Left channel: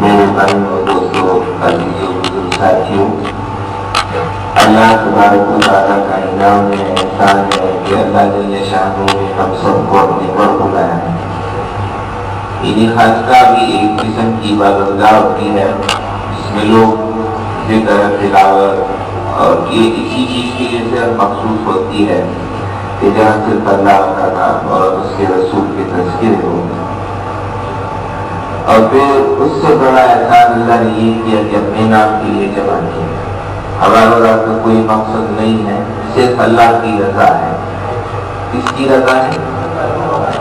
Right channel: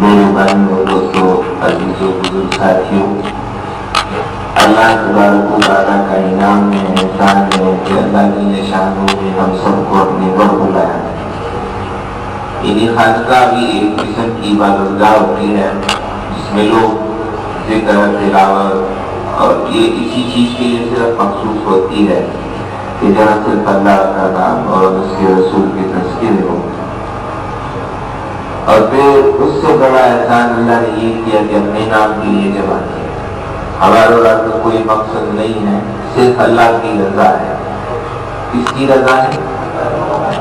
میرے بھائیوں اور دوستوں، عزیزوں بزرگ ساتھیوں، اللہ تبارک و تعالیٰ کا انعام ہے، احسان ہے کہ اللہ جل شانہ نے ہم سب کو اپنے گھر بلایا ہے۔ یعنی خانقاہ بھی ایک قسم کی عبادت گاہ ہوتی ہے جس میں لوگ ذکر، تلاوت اور یہ اسی چیز کے لیے صرف مخصوص ہوتی ہے کہ جہاں صرف اللہ کا نام اور اس کے رسول کے تذکرے ہوں۔ اور پھر اس سے بڑا احسان اللہ نے یہ کیا کہ اپنے نام کے لیے جمع کیا۔ ہمارا تو کوئی مقصد نہیں ہے، صرف اللہ کی رضا ہے۔ کس کی رضا ہے؟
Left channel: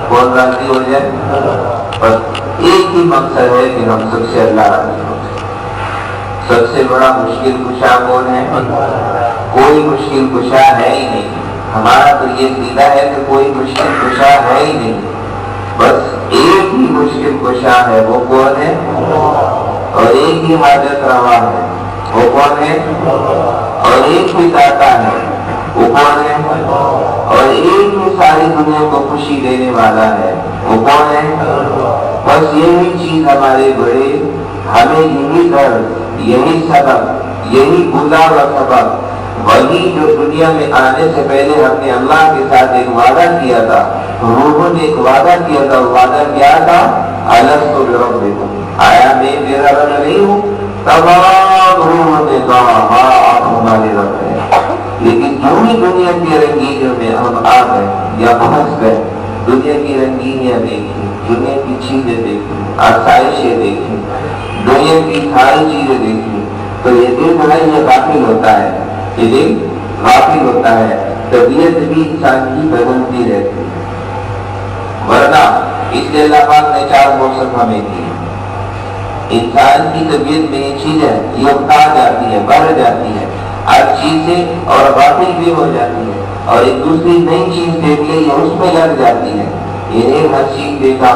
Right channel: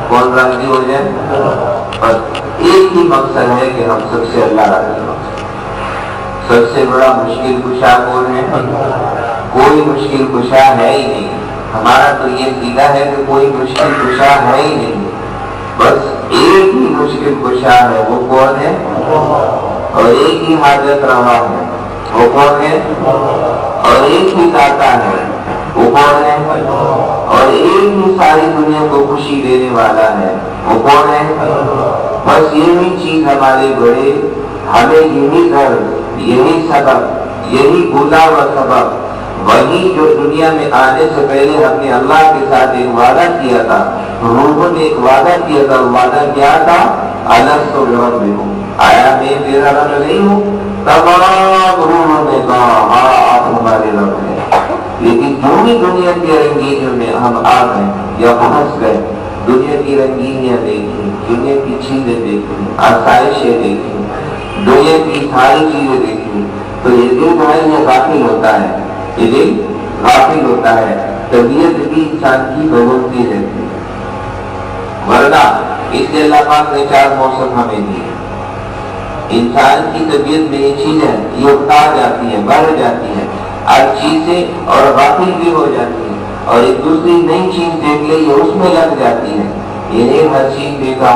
کون راضی ہو جائے؟ بس ایک ہی مقصد ہے کہ ہم سب سے اللہ راضی ہو جائے۔ سب سے بڑا مشکل کشا کون ہے؟ کوئی مشکل کشا ہے ہی نہیں۔ ہمارا تو یہ عقیدہ ہے کہ کوئی مشکل کشا ہے ہی نہیں، بس ایک ہی مشکل کشا ہے، وہ کون ہے؟ اور ایک ہی حاجت روا ہے، وہ کون ہے؟ اور ایک ہی داتا ہے، وہ کون ہے؟ اور ایک ہی ساری دنیا کو خوشی دینے والا ہے، وہ کون ہے؟ بس یہی چیز ہمارے بڑے، ہمیں یہی درد، یہی سبب، یہی بھولا ہوا سبب، وہی جو دنیا میں آنے سے پہلے ہم نے اللہ کے ساتھ ایک وعدہ کیا تھا، روحوں نے ایک وعدہ کیا تھا۔ وعدہ کیا تھا؟ الستُ بربکم، آیا میں تیرا رب نہیں ہوں؟ تمام روحوں نے کہا ہاں آپ ہمارے رب ہیں، لیکن جو ہی دنیا کی رنگینیوں میں ہم آ گئے یا پھنس گئے، دنیا کی رنگینیاں دیکھی، دنیا کی چیزیں دیکھی، آسائشیں دیکھی، دنیا کی ساری چیزیں دیکھی، تو یہ دل جو ہے یہ غافل ہوتا ہے، یہ دل غافل ہوتا ہے۔ طبیعت بھی انسان کی بدلتی رہتی ہے، ورنہ اس لیے اللہ پاک نے 4 موسم ہمیں دیے۔ انسان کی طبیعت میں یہ چیز ہے، یہ اکتا جاتی ہے، بڑھ جاتی ہے ہر چیز سے، اور غافل بھی ہو جاتی ہے، اور ایک دوسری نئی چیز دیکھ لے یہ اس میں لگ جاتی ہے۔ یہ ہر چیز دیکھا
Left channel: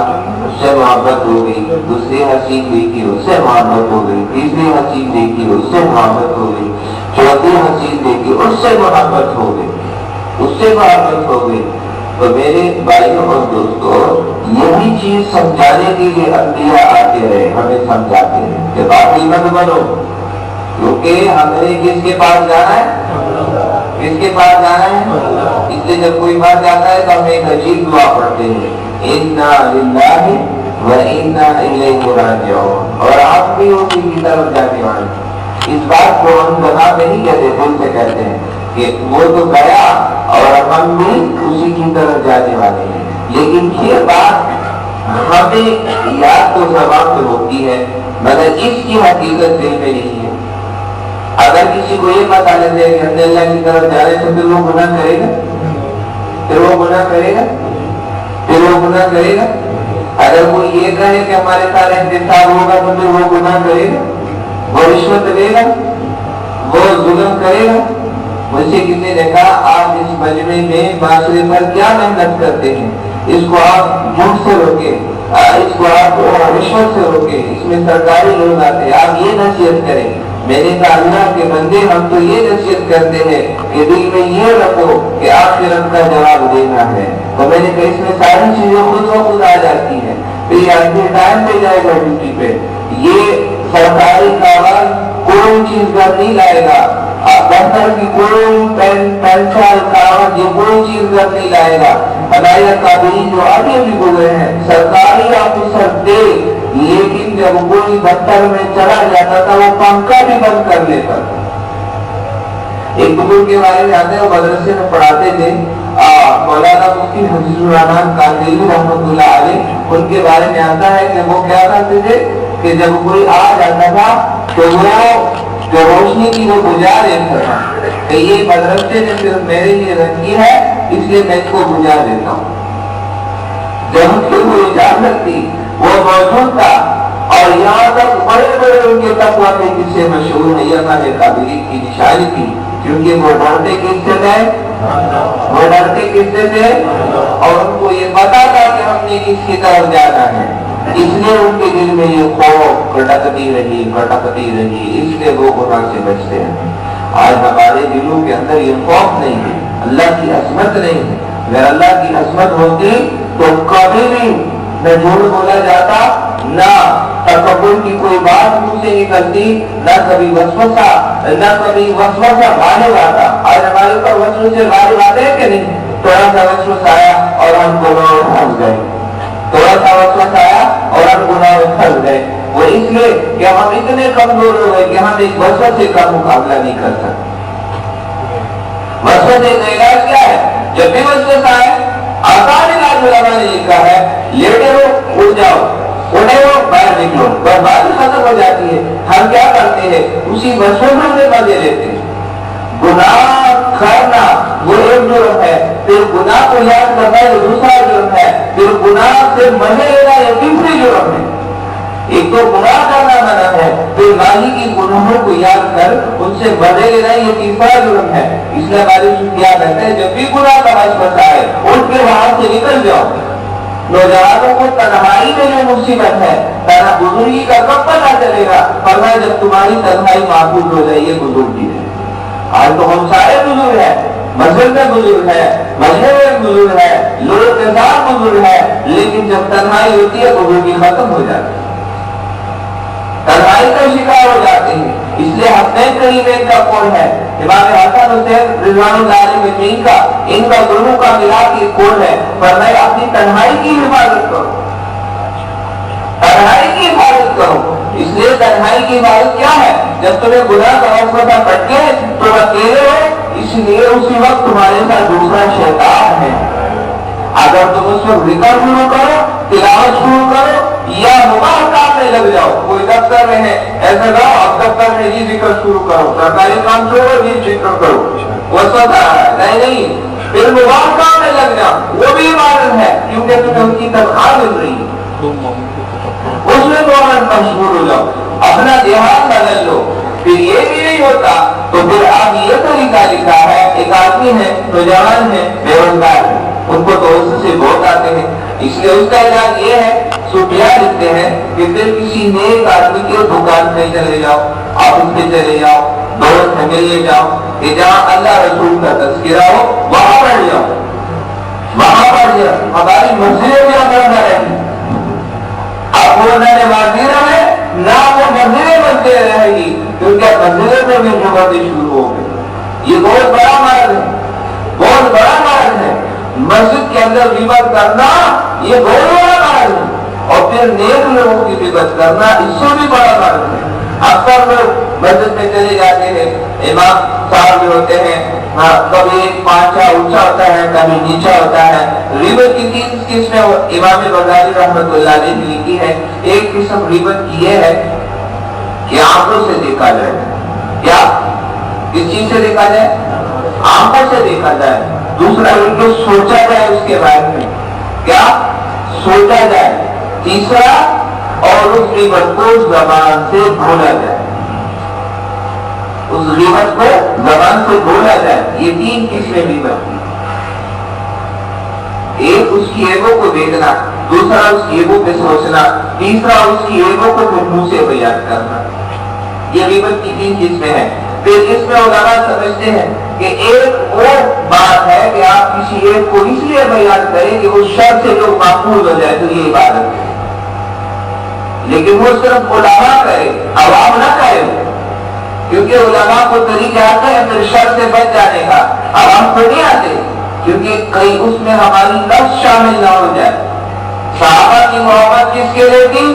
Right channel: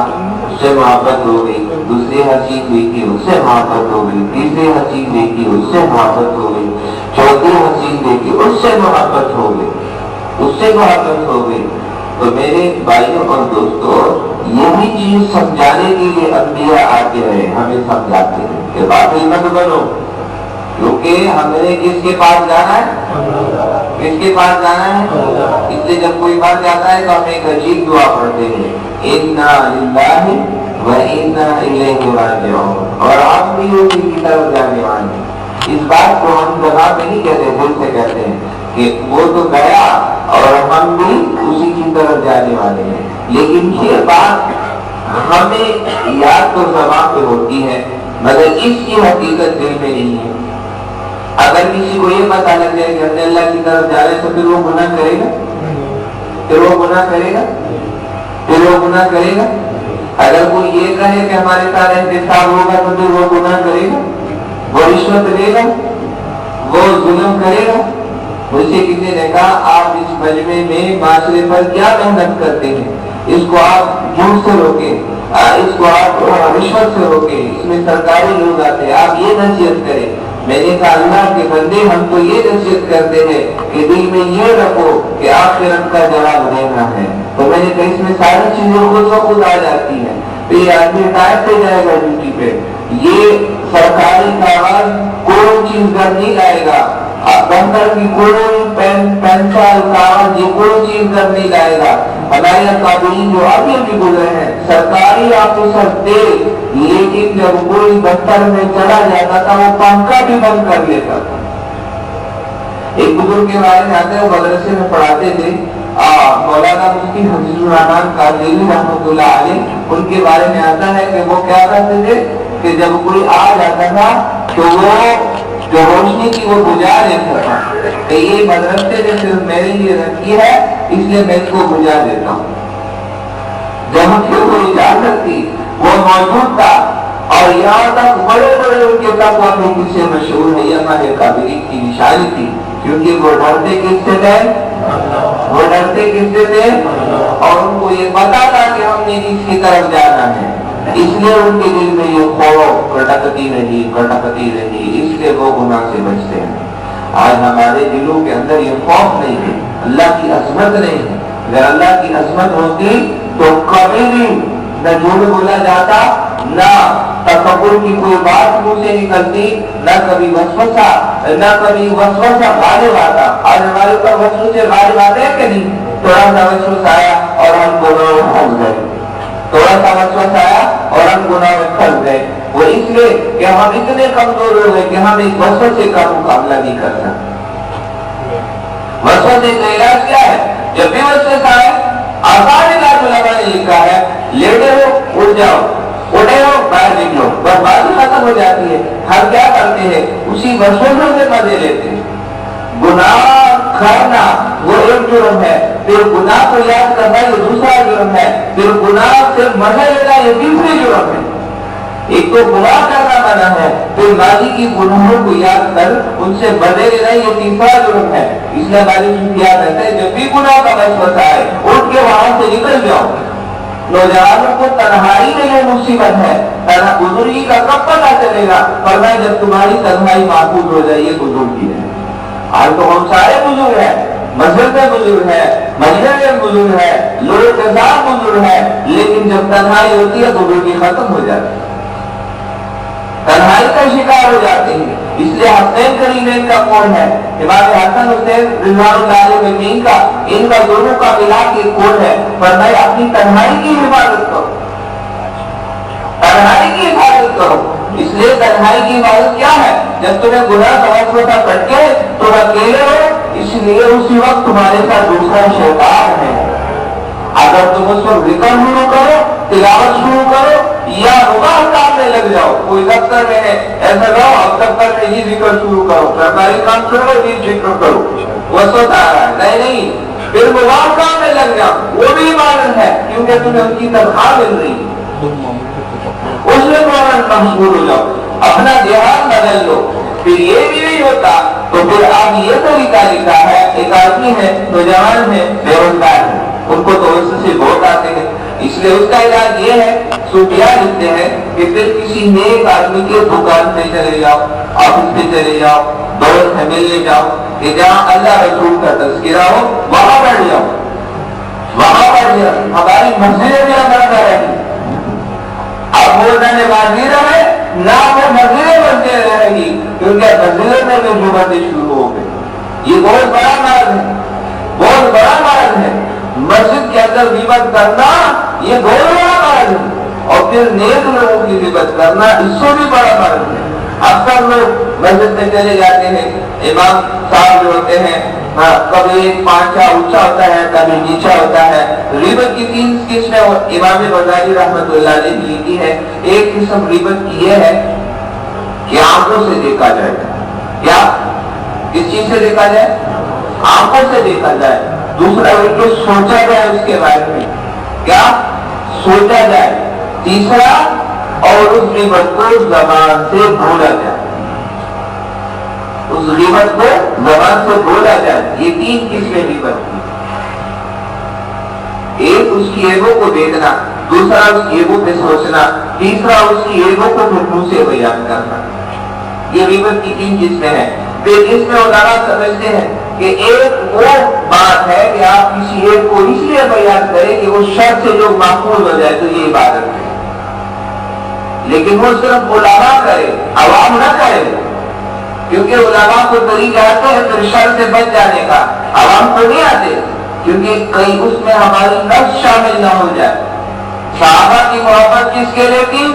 اس سے محبت ہو گئی، دوسری ہر چیز دیکھی اس سے محبت ہو گئی، تیسری ہر چیز دیکھی اس سے محبت ہو گئی، چوتھی ہر چیز دیکھی اس سے محبت ہو گئی، اس سے محبت ہو گئی۔ تو میرے بھائیوں اور دوستوں، یہی چیز سمجھانے کے لیے انبیاء آتے رہے، ہمیں سمجھاتے ہیں کہ غافل مت بنو، کیونکہ ہم نے کس کے پاس جانا ہے؟ کس کے پاس جانا ہے؟ اس لیے جب کوئی بات جاتا ہے تو ہم ایک عجیب دعا پڑھتے ہیں، انا للہ و انا الیہ راجعون، اور ہم بھی اسی کی طرف جانے والے ہیں۔ اس بات کو ہم زبان پہ نہیں کہتے، دل سے کہتے ہیں کہ وہ تو گیا اور ہم بھی اسی کی طرف جانے والے ہیں، لیکن یہ بات ہمیں یاد تو زبان پہ ہوتی ہے مگر اس کی حقیقت دل میں نہیں ہے۔ اگر کسی کو یہ پتہ لگ جائے کہ ہم نے اللہ کی طرف جا رہے ہیں تو پھر وہ گناہ کرے گا، پھر وہ گناہ کرے گا، پھر وہ گناہ کرے گا۔ اگر کوئی یہ کہے کہ ہمارے ساتھ انتصاب ہوگا تو پھر وہ گناہ کرے گا، وہ رشوت لے گا، وہ ظلم کرے گا۔ مجھ سے کسی نے کہا آپ اس مجمع میں معاشرے پر کیا محنت کرتے ہیں، اس کو آپ جھوٹ سے روکیں، اس کو آپ رشوت سے روکیں، اس میں سرکاری لوگ آتے ہیں، آپ یہ نصیحت کریں۔ میں نے کہا اللہ کے بندے ہم تو یہ نصیحت کرتے ہیں کہ دل میں یہ رکھو کہ آخرت کا جواب دینا ہے۔ تو میں نے کہا اس میں ساری چیزیں خود و خود آ جاتی ہیں۔ پھر یہ آدمی ٹائم پہ جائے گا ڈیوٹی پہ، یہ سرکاری کاغذ کوئی چیز گھر نہیں لائے گا، دفتر کی کوئی پینسل کاغذ یہ کوئی چیز گھر نہیں لائے گا۔ ہمارے قابلین جو آگے بھی گزرے ہیں سرکاری آفیسر تھے، لیکن جب کوئی دفتر میں چلا جاتا تھا وہ پنکھا بھی بند کر لیتا تھا۔ ایک بزرگ کے بارے میں آتے ہیں، وہ مدرسے میں پڑھاتے تھے، مولانا مفتی حفیظ الرحمان قادری رحمۃ اللہ علیہ، ان کے بارے میں آتا ہے کہ وہ کیا کرتے تھے کہ جب کوئی آ جاتا تھا تو وہ جو روشنی کی وہ بجھا دیتا تھا کہ یہ مدرسے نے صرف میرے لیے رکھی ہے اس لیے میں اس کو بجھا دیتا ہوں۔ جب کہ وہ اجازت تھی، وہ موجود تھا، اور یہاں تک بڑے بڑے ان کے تقویٰ کے قصے مشہور ہے، یہ ہمارے قابلین کی نشانی تھی، کیونکہ وہ ڈرتے کس سے تھے؟ وہ ڈرتے کس سے تھے؟ اور ان کو یہ پتا تھا کہ ہم نے کس کی طرف جانا ہے، اس لیے ان کے دل میں یہ خوف کٹکتی رہی، اس لیے وہ گناہ سے بچتے ہیں۔ آج ہمارے دلوں کے اندر یہ خوف نہیں ہے، اللہ کی عظمت نہیں ہے۔ اگر اللہ کی عظمت ہوتی تو کبھی بھی نہ جھوٹ بولا جاتا، نہ تکبر کی کوئی بات منہ سے نکلتی، نہ کبھی وسوسہ غالب آتا۔ آج ہمارے اوپر وسوسے غالب آتے ہیں کہ نہیں؟ تھوڑا سا وسوسہ آیا اور ہم گناہ میں پھنس گئے، تھوڑا سا وسوسہ آیا اور ہم گناہ میں پھنس گئے۔ وہ اس لیے کہ ہم اتنے کمزور ہو گئے کہ ہم اس وسوسے کا مقابلہ نہیں کر سکتے۔ وسوسے کا علاج کیا ہے؟ جب بھی وسوسہ آئے، آسان علاج علماء نے لکھا ہے، لیٹے ہو اٹھ جاؤ، اٹھے ہو باہر نکلو، بس بات ختم ہو جاتی ہے۔ ہم کیا کرتے ہیں؟ اسی وسوسوں سے مزے لیتے ہیں۔ گناہ کرنا وہ ایک جرم ہے، پھر گناہ کو یاد کرنا یہ دوسرا جرم ہے، پھر گناہ سے مزے لینا یہ تیسری جرم ہے۔ ایک تو گناہ کرنا منع ہے، پھر ماضی کی گناہوں کو یاد کر ان سے مزے لینا یہ تیسرا جرم ہے۔ اس لیے ہماری یاد رہتا ہے جب بھی گناہ کا وسوسہ آئے اٹھ کے وہاں سے نکل جاؤ۔ نوجوانوں کو تنہائی میں جو مصیبت ہے، بزرگی کا کب پتہ چلے گا؟ فرمایا جب تمہاری تنہائی محفوظ ہو جائے، یہ بزرگی ہے۔ آج تو ہم سارے بزرگ ہیں، مسجد میں بزرگ ہے، مجلس میں بزرگ ہے، لوگ کے ساتھ بزرگ ہے، لیکن جب تنہائی ہوتی ہے بزرگی ختم ہو جاتی ہے، تنہائی کا شکار ہو جاتے ہیں۔ اس لیے حسنین کریمین کا قول ہے، امام حسن حسین رضوان اللہ علیہ کا، ان کا دونوں کا ملا کے قول ہے، فرمایا اپنی تنہائی کی حفاظت کرو، تنہائی کی حفاظت کرو۔ اس لیے تنہائی کی حفاظت کیا ہے؟ جب تمہیں گناہ کا وسوسہ پٹکے تم اکیلے ہو، اس لیے اسی وقت تمہارے ساتھ دوسرا شیطان ہے۔ اگر تم اس وقت ذکر شروع کرو، تلاوت شروع کرو یا مباح کام میں لگ جاؤ، کوئی دفتر میں ہے ایسا کرو، اب دفتر میں یہ ذکر شروع کرو، سرکاری کام چھوڑو یہ ذکر کرو، وسوسہ آ رہا ہے، نہیں، پھر مباح کام میں لگ جاؤ، وہ بھی عبادت ہے کیونکہ تمہیں ان کی تنخواہ مل رہی ہے، اس میں فوراً مشغول ہو جاؤ، اپنا دیہات بدل لو۔ پھر یہ بھی نہیں ہوتا تو پھر آپ یہ طریقہ لکھا ہے، ایک آدمی ہے نوجوان ہے بے روزگار ہے، ان کو تو اس سے بہت آتے ہیں، اس لیے اس کا علاج یہ ہے، صوفیاء لکھتے ہیں کہ پھر کسی نیک آدمی کے دکان پہ چلے جاؤ، آفس پہ چلے جاؤ، دوست ہے ملنے جاؤ، کہ جہاں اللہ رسول کا تذکرہ ہو وہاں بیٹھ جاؤ، وہاں بیٹھ جاؤ۔ ہماری مسجدیں بھی ہمارا رہی، اب وہ نہ نمازی رہے نہ وہ مسجدیں بنتے رہے گی، کیونکہ مسجدوں میں بھی جمعتیں شروع ہو گئی۔ یہ بہت بڑا مرض ہے، بہت بڑا مرض ہے، مسجد کے اندر غیبت کرنا یہ بہت بڑا مرض ہے، اور پھر نیک لوگوں کی غیبت کرنا اس سے بھی بڑا مرض ہے۔ اکثر لوگ مسجد میں چلے جاتے ہیں، امام صاحب جو ہوتے ہیں کبھی ایک پانچا اونچا ہوتا ہے کبھی نیچا ہوتا ہے۔ غیبت کی 3 قسمیں امام غزالی رحمۃ اللہ علیہ نے لکھی ہے۔ ایک قسم غیبت کی یہ ہے کہ آنکھوں سے دیکھا جائے، کیا کس چیز سے دیکھا جائے؟ آنکھوں سے دیکھا جائے۔ دوسرا یہ کہ سوچا جائے اس کے بارے میں، کیا سوچا جائے۔ تیسرا اور اس غیبت کو زبان سے بھولا جائے، اس غیبت کو زبان سے بولا جائے۔ یہ 3 قسمیں غیبت کی، ایک اس کی ایبوں کو دیکھنا، دوسرا اس کی ایبوں پہ سوچنا، تیسرا اس کی ایبوں کو پھر منہ سے بیان کرنا۔ یہ غیبت کی 3 قسمیں ہیں۔ پھر اس میں علماء سمجھتے ہیں کہ ایک وہ بات ہے کہ آپ کسی ایب کو اس لیے بیان کریں کہ وہ شر سے جو محفوظ ہو جائے، تو یہ عبادت ہے، لیکن وہ صرف علماء کرے، عوام نہ کرے، کیونکہ علماء کو طریقے آتے ہیں پھر شر سے بچ جانے کا، عوام کو نہیں آتے، کیونکہ کہیں اس میں ہماری نفس شامل نہ ہو جائے۔ صحابہ کی محبت کس کے لیے تھی؟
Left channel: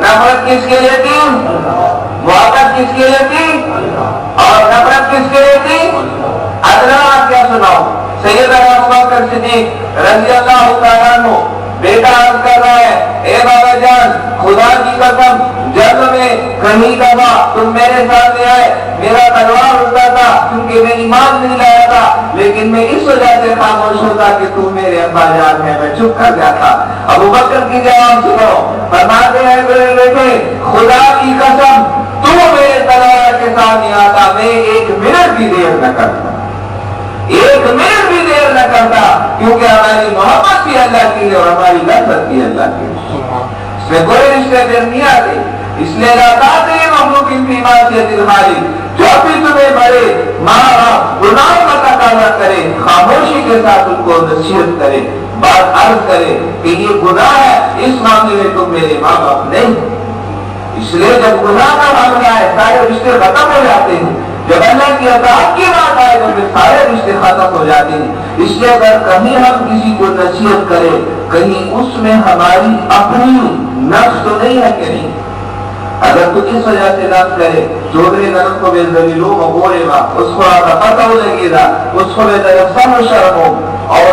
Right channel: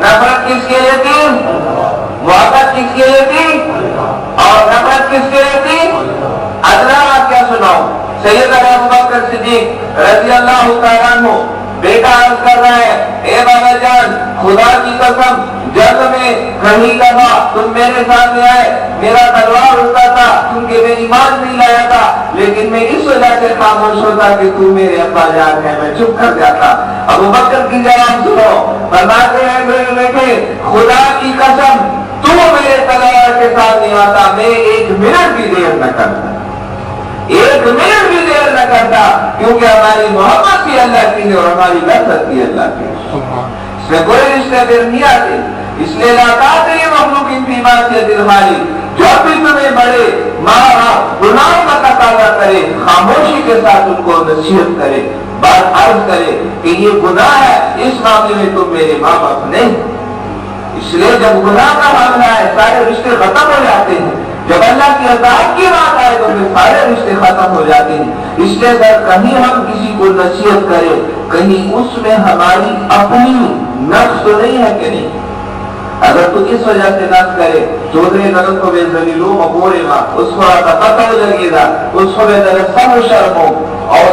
نفرت کس کے لیے تھی؟ محبت کس کے لیے تھی اور نفرت کس کے لیے تھی؟ ادنا آپ کیا سناؤ؟ سیدنا ابوبکر صدیق رضی اللہ تعالیٰ عنہ بیٹا عرض کر رہا ہے، اے بابا جان خدا کی قسم جب میں کہیں کہا تم میرے سامنے آئے میرا تلوار اٹھتا تھا کیونکہ میں ایمان نہیں لایا تھا، لیکن میں اس وجہ سے خاموش ہوتا کہ تو میرے ابا جان ہے، میں چپ کر جاتا۔ ابوبکر کی جواب سنو، فرماتے ہیں میرے بیٹے خدا کی قسم تو میرے تلوار کے سامنے آتا میں 1 منٹ بھی دیر نہ کرتا، 1 منٹ بھی دیر نہ کرتا، کیونکہ ہماری محبت بھی اللہ کی ہے اور ہماری نفرت بھی اللہ کی ہے، اس میں کوئی رشتے پھر نہیں آتے۔ اس لیے لا تعطی مخلوق فی معصیت الخالق، جو بھی تمہیں مرے مارا گناہوں کا تقاضا کرے خاموشی کے ساتھ ان کو نصیحت کرے، بات عرض کرے کہ یہ گناہ ہے، اس معاملے میں تم میرے ماں باپ نہیں، اس لیے جب گناہ کا معاملہ ہے سارے رشتے ختم ہو جاتے ہیں، جب اللہ کی اطاعت کی بات آئے تو پھر سارے رشتے ختم ہو جاتے ہیں۔ اس لیے اگر کہیں ہم کسی کو نصیحت کریں، کہیں اس میں ہماری اپنی نفس تو نہیں ہے کہ نہیں؟ اگر تو اس وجہ سے نفس کرے چودھری نرم کو بے ذلیلو مغورے گا، اس کو آتا پتہ ہو لگے گا، اس کو بے در سم شرم ہو اور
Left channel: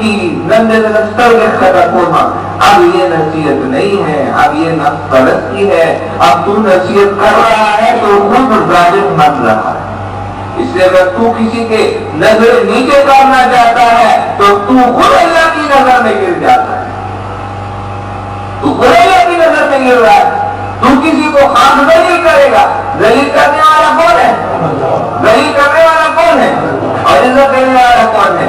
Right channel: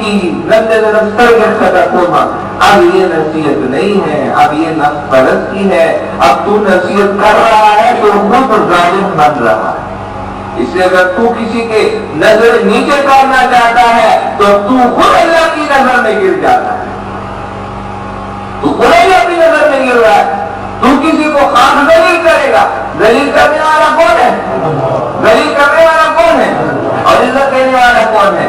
کی نندے در کھوما، اب یہ نصیحت نہیں ہے، اب یہ نفس پرست کی ہے، اب تو نصیحت کر رہا ہے تو خود ظالم بن رہا ہے۔ اس لیے اگر تو کسی کے نظر نیچے کرنا چاہتا ہے تو خود اللہ کی نظر میں گر جاتا ہے، تو خود اللہ کی نظر میں گر رہا ہے۔ تو کسی کو خاص ذلیل کرے گا، ذلیل کرنے والا کون ہے؟ ذلیل کرنے والا کون ہے اور عزت دینے والا کون ہے؟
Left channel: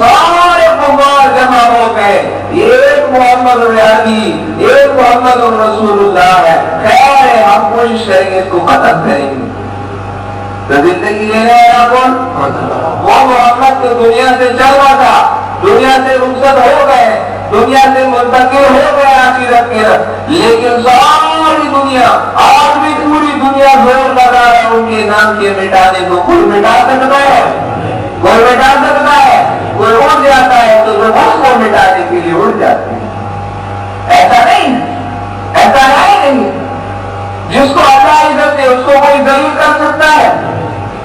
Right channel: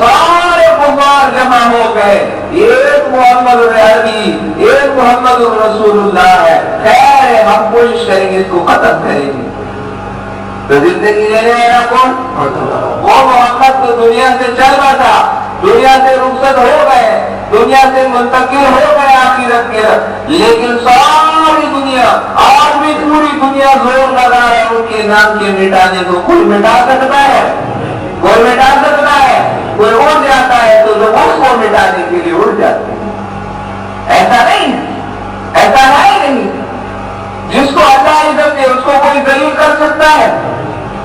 سارے کفار جمع ہو گئے، ایک محمد عربی، ایک محمد رسول اللہ ہے، خیر ہے ہم کوشش کریں گے اس کو ختم کریں گے۔ تو زندگی لینے والا کون؟ وہ محمد تو دنیا سے چل رہا تھا، دنیا سے رخصت ہو گئے، دنیا سے منتقل ہو گئے آخرت کی طرف، لیکن ساری دنیا آج بھی پوری دنیا زور لگا ہے ان کے نام کے مٹانے کو۔ کوئی مٹا سکتا ہے؟ کوئی مٹا سکتا ہے؟ کوئی اڑ جاتا ہے تو لوگ اس کو مٹانے کے لیے اڑ جاتے ہیں۔ ایسا نہیں، ایسا نہیں، جس کو اللہ عزت دے اس کو کوئی ذلیل کر سکتا ہے؟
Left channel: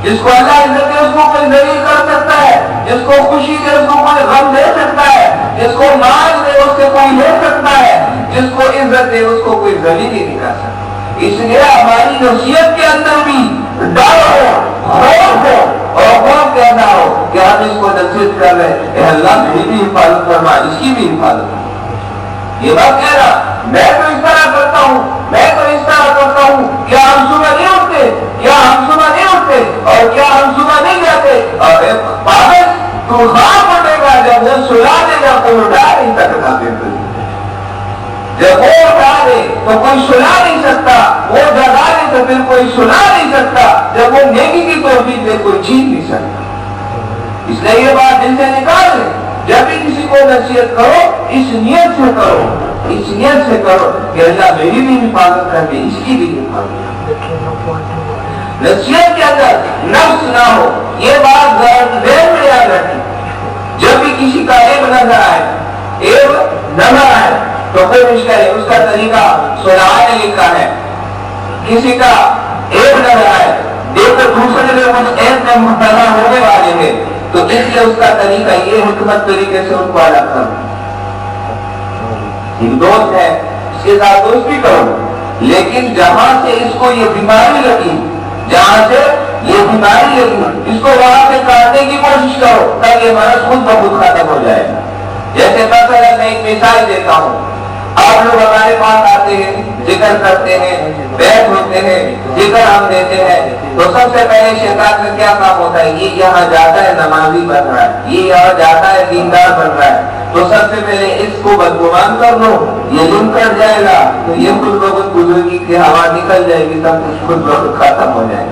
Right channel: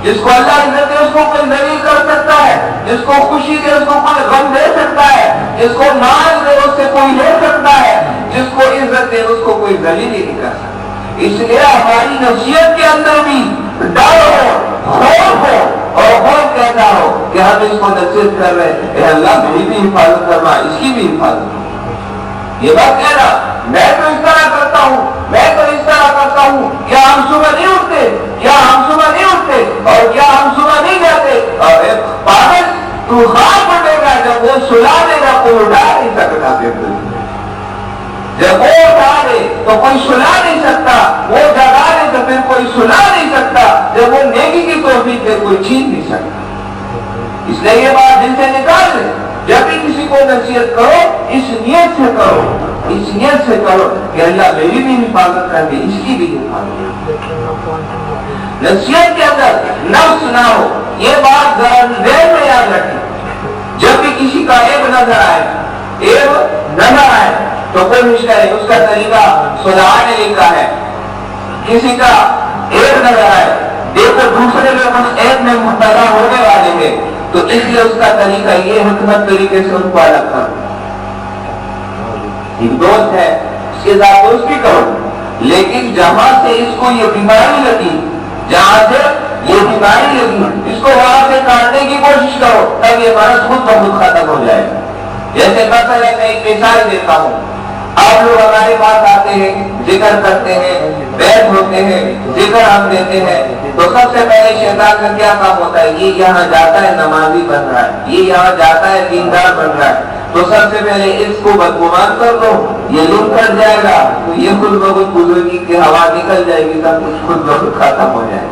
جس کو اللہ عزت دے اس کو کوئی ذلیل کر سکتا ہے؟ جس کو خوشی دے اس کو کوئی غم دے سکتا ہے؟ جس کو مال دے اس سے کوئی لے سکتا ہے؟ جس کو عزت دے اس کو کوئی ذلیل ہی نہیں کر سکتا۔ اس لیے ہماری نصیحت کے اندر بھی ڈر ہو، خوف ہو، اور خوف کہنا ہو کہ ہم اس کو نصیحت کر رہے ہیں، اے اللہ میری بھی حفاظت فرما، اس کی بھی حفاظت فرما۔ یہ بات کہنا میں تو اس طرح کرتا ہوں، میں تو اس طرح کرتا ہوں، کیا ہم صبح نہیں اٹھتے؟ کیا ہم صبح نہیں اٹھتے؟ اور کیا ہم صبح نہیں جاتے؟ اور پاگل تو خواب پڑے گا، جب وہ سلا دے گا کوئی اٹھا نہیں سکتا، پھر جب وہ اٹھا دے تو کوئی سلا نہیں سکتا، وہ جگا دے تو پھر کوئی سلا نہیں سکتا، جب وہ نیکی کی توفیق دے کوئی چھین نہیں سکتا۔ اس لیے یہ بات دل سے نکال لے، جب بھی کسی کو نصیحت کرو اس نیت سے کرو، اس نیت سے کرو کہ اللہ میری بھی حفاظت کر دے، اس کی بھی حفاظت کر دے۔ نصیحت کے اندر نفس نہ ہو، یہ بات ذہن میں یاد رکھیں۔ جب بھی کسی کا عیب نظر آئے تو کوشش کرے، اس کا طریقہ سنانے لکھا ہے، کسی کا عیب نظر آئے دیکھو دوسرے لوگ اس عیب میں مبتلا ہونے والے ہیں تو اس لیے اس کا طریقہ یہ حکمت طریقے سے ان کو الگ کرو۔ ایک دوست ہے اس کے ساتھ دوستی کرو، لیکن جہاں سے اس کو یہ بیماری لگی، جہاں سے یہ بیماری لگی اس کو وہاں سے کاٹنے کی کوشش کرو تاکہ یہ مرض خود بخود ختم ہو جائے۔ جیسے مثلا میں ایک مثال دیتا ہوں، آپ لوگ ہمارے پاس آتے ہیں، ذکر کرتے ہیں، بیعت ہوتے ہیں، ذکر ہم دیتے ہیں، تو سب سے پہلے شیطان کا کیا کام ہوتا ہے؟ یہ یہاں جاتا ہے نمازی بن رہا ہے، یہ یہاں جاتا ہے دیندار بن رہا ہے، تو سب سے پہلے اس کو بدگمان کر لو، یہ لنک کر جائے گا تو یہ خود بخود بزرگی کی ہوا نکل جائے گی، سب کچھ خود بخود ختم ہو جائے گا۔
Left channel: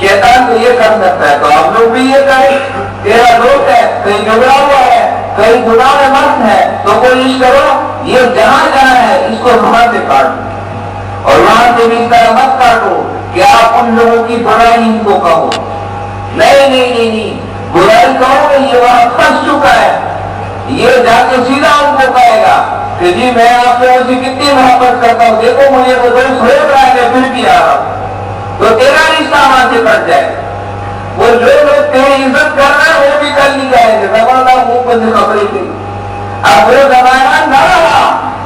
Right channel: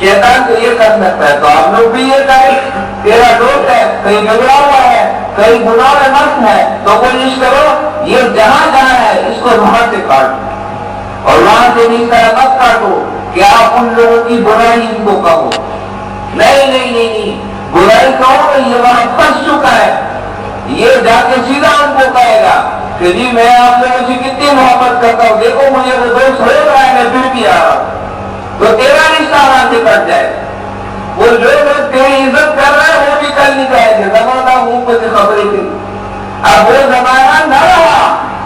شیطان تو یہ کر سکتا ہے تو ہم لوگ بھی یہ کریں۔ تیرا دوست ہے کہیں بگڑا ہوا ہے، کہیں گناہ میں مست ہے، تو کوشش کرو یہ جہاں جہاں ہے اس کو وہاں سے کاٹو، اور وہاں سے بھی اس طرح مت کاٹو کہ آپ ان لوگوں کی برائی ان کو کہو۔ نہیں، برائی کہو گے یہ وہاں پھنس چکا ہے، یہ جا کے سیدھا ان کو کہے گا کہ جی میں آپ لوگوں سے کتنی محبت کرتا ہوں، دیکھو مجھے وہ دوست ہو رہا ہے میں پھر بھی آ رہا ہوں، تو تیرا رشتہ وہاں سے کٹ جائے۔ وہ جو لوگ تیری عزت کر رہے ہیں وہ بھی کل نہیں کہیں گے زمانہ منہ پر سے خبریں تھی۔ اب وہ زمانہ نہ رہا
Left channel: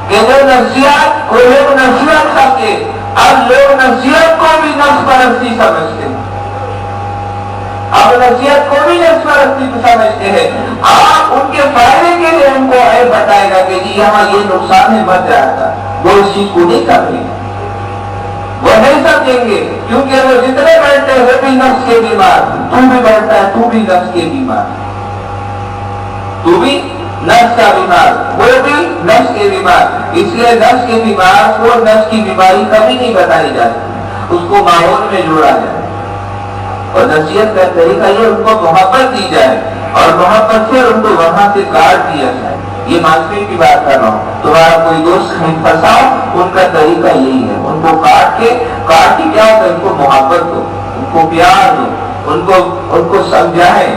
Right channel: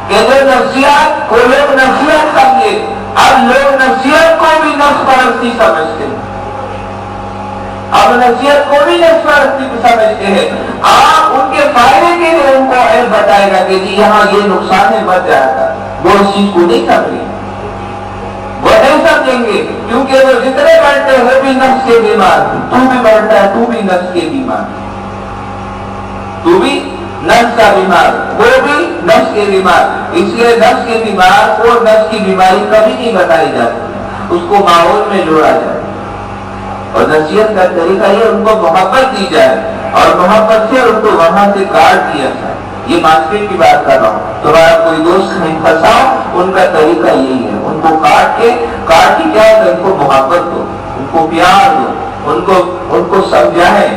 کہ جو نصیحت کو لوگ نصیحت سمجھے، اب لوگ نصیحت کو بھی نفس پرستی سمجھتے ہیں، اب نصیحت کو بھی نفس پرستی سمجھتے ہیں۔ آپ ان کے فائدے کے لیے ان کو عیب بتائے گا کہ جی یہاں یہ نقصان ہے بچ جائے گا، وہ اس چیز کو نہیں سمجھیں، وہ نہیں سمجھیں گے، کیونکہ وہ جتنے بڑھتے ہیں وہ بھی نفس کے بیمار، تو بھی بڑھتا ہے تو بھی نفس کے بیمار، تو بھی نفس کا بیمار، وہ بھی نفس کے بیمار۔ اس لیے نفس کے بیمار کو نفس کی بیماری کبھی نہیں بتائی جاتی، اس کو ماحول میں جوڑا جائے اور نصیحت کا طریقہ یہ ان کو محبت دی جائے اور محبت سے ان کو وہاں سے کاٹ دیا جائے. یہ ماسٹر کی بات کر رہا ہوں. تمہارا کوئی دوست کہیں پھنسا، ان کا طریقہ یہی ہے، ان کو کاٹ کے کیا ہوتا ہے، ان کو محبت دو، ان کو پیار دو، ان کو سمجھائیں.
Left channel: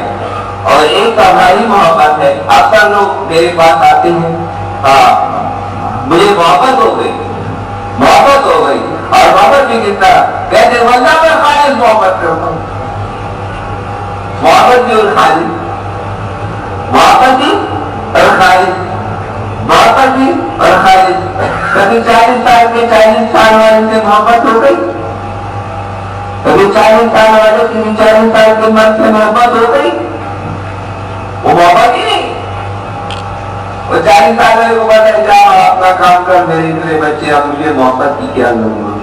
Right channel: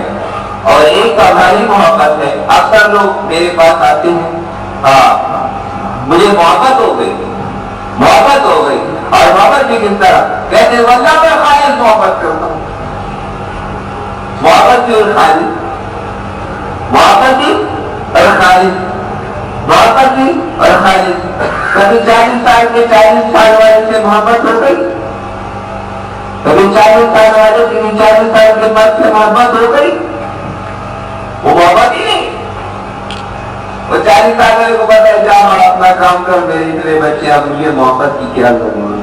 اور ایک ہماری محبت ہے. اکثر لوگ میرے پاس آتے ہیں، مجھے محبت ہو گئی، اور محبت بھی کس طرح کہتے ہیں، واللہ میں خالص محبت کرتا ہوں. محبت بھی اور خالص، محبت بھی اور خالص، محبت بھی اور خالص. کبھی 40 سال کے 40 سال والے سے محبت ہو گئی، کبھی 40 سال والے سے 40 سال کے مرد سے محبت ہو گئی. وہ محبت ہی نہیں. وہ 40 سال والے کو پتا ہے، جا اپنا کام کر، میرے اتنے بچے، اب مجھے محبت کی کیا ضرورت.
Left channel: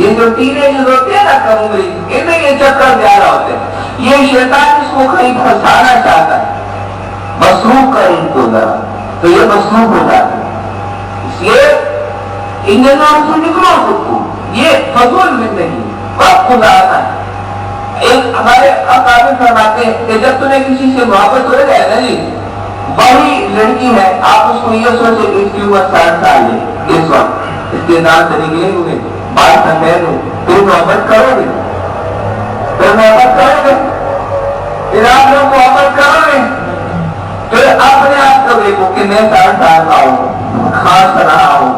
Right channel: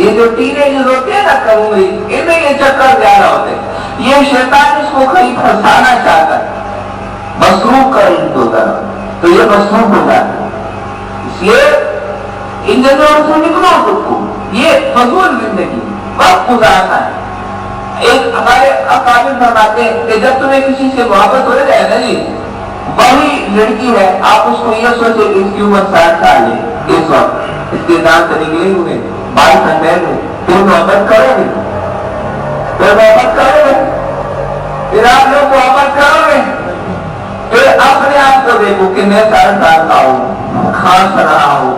یہ جو ٹینیجرز ہوتے ہیں نا کم عمری، ان میں یہ چکر زیادہ ہوتے ہیں. یہ شیطان اس کو کہیں پھنسانا چاہتا ہے، مصروف کر ان کو ذرا، تو یہ مصروف ہو جاتا ہے. اس لیے ان جنوں سے نکلو خود کو. یہ فضول زندگی، وقت گزارنا ہے. ایک ہمارے اکابر فرماتے ہیں کہ جب تمہیں کسی سے محبت ہو جائے نا جی، وہی لڑکی ہے، آپ اس کو یہ سوچے کہ اس کی عمر 60 سال ہے، اس وقت اس کے دانت نکلے ہوئے، بال سفید ہے، پھر محبت کرو گے، پھر آپ لوگ محبت کرو گے. پھر اپنے آپ کو دیکھو کہ میں 60 سال کا ہوں، کھانس رہا ہوں،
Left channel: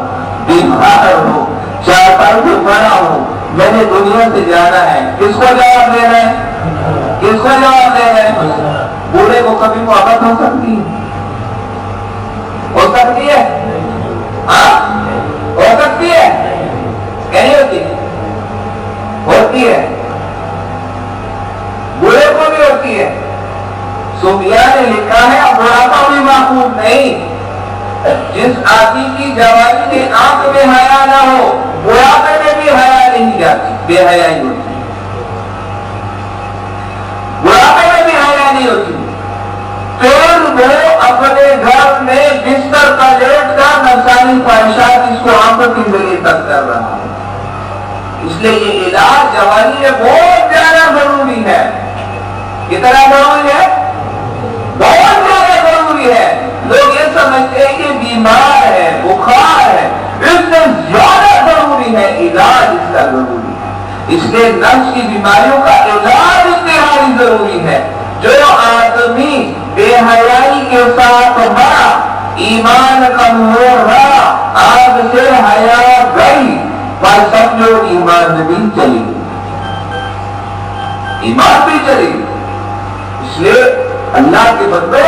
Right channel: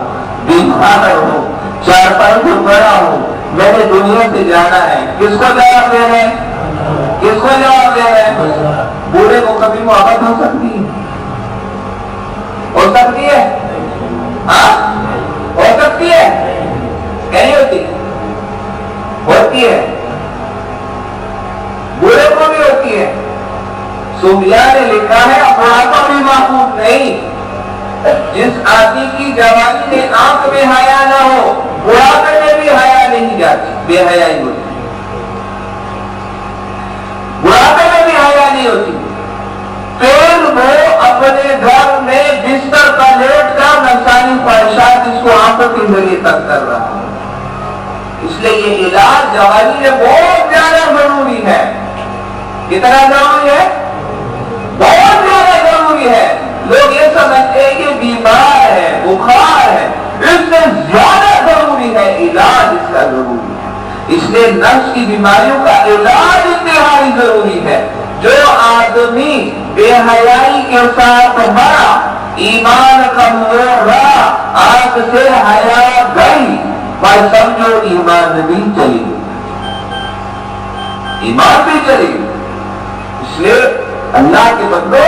بیمار ہوں، 4 سال سے بڑا ہوں، میں نے دنیا سے جانا ہے. کس کو جواب دے رہے ہیں؟ کس کو جواب دے رہے ہیں؟ بوڑھے کو کبھی محبت ہو سکتی ہے؟ ہو سکتی ہے؟ ہاں ہو سکتی ہے؟ نہیں ہوتی؟ ہوتی ہے. بوڑھے کو بھی ہوتی ہے. صوفیاء نے لکھا ہے بڑھاپا بھی معقول نہیں. جس آدمی کی جوانی میں آنکھ میں حیا نہ ہو، بڑھاپے میں بھی حیا نہیں جاتی، بے حیائی ہوتی. بڑھاپے میں بھی حیا نہیں ہوتی. پھر وہ اپنے گھر میں بستر پر لیٹ کر نفسانی خواہشات اس کو آنکھوں کی ذریعے تک کر رہا ہے. اس لیے یہ علاج جوانی میں بہت زیادہ ضروری ہے. کتنا ضروری ہے؟ بہت زیادہ ضروری ہے. لوگ یہ سمجھتے ہیں کہ بیمار ہے، بخار ہے، اس سے زیادہ ضروری ہے علاج اس کا ضروری ہے. اس لیے نفس کی بیماریوں کا علاج انتہائی ضروری ہے. جو آدمی بے حیائی کے ساتھ مرا، ایمان کمزور رہا، آگ سے حیا گئی، پر سمجھو ایمان بھی چلی گئی، ایمان بھی چلی گئی. اس لیے اللہ کے بندو،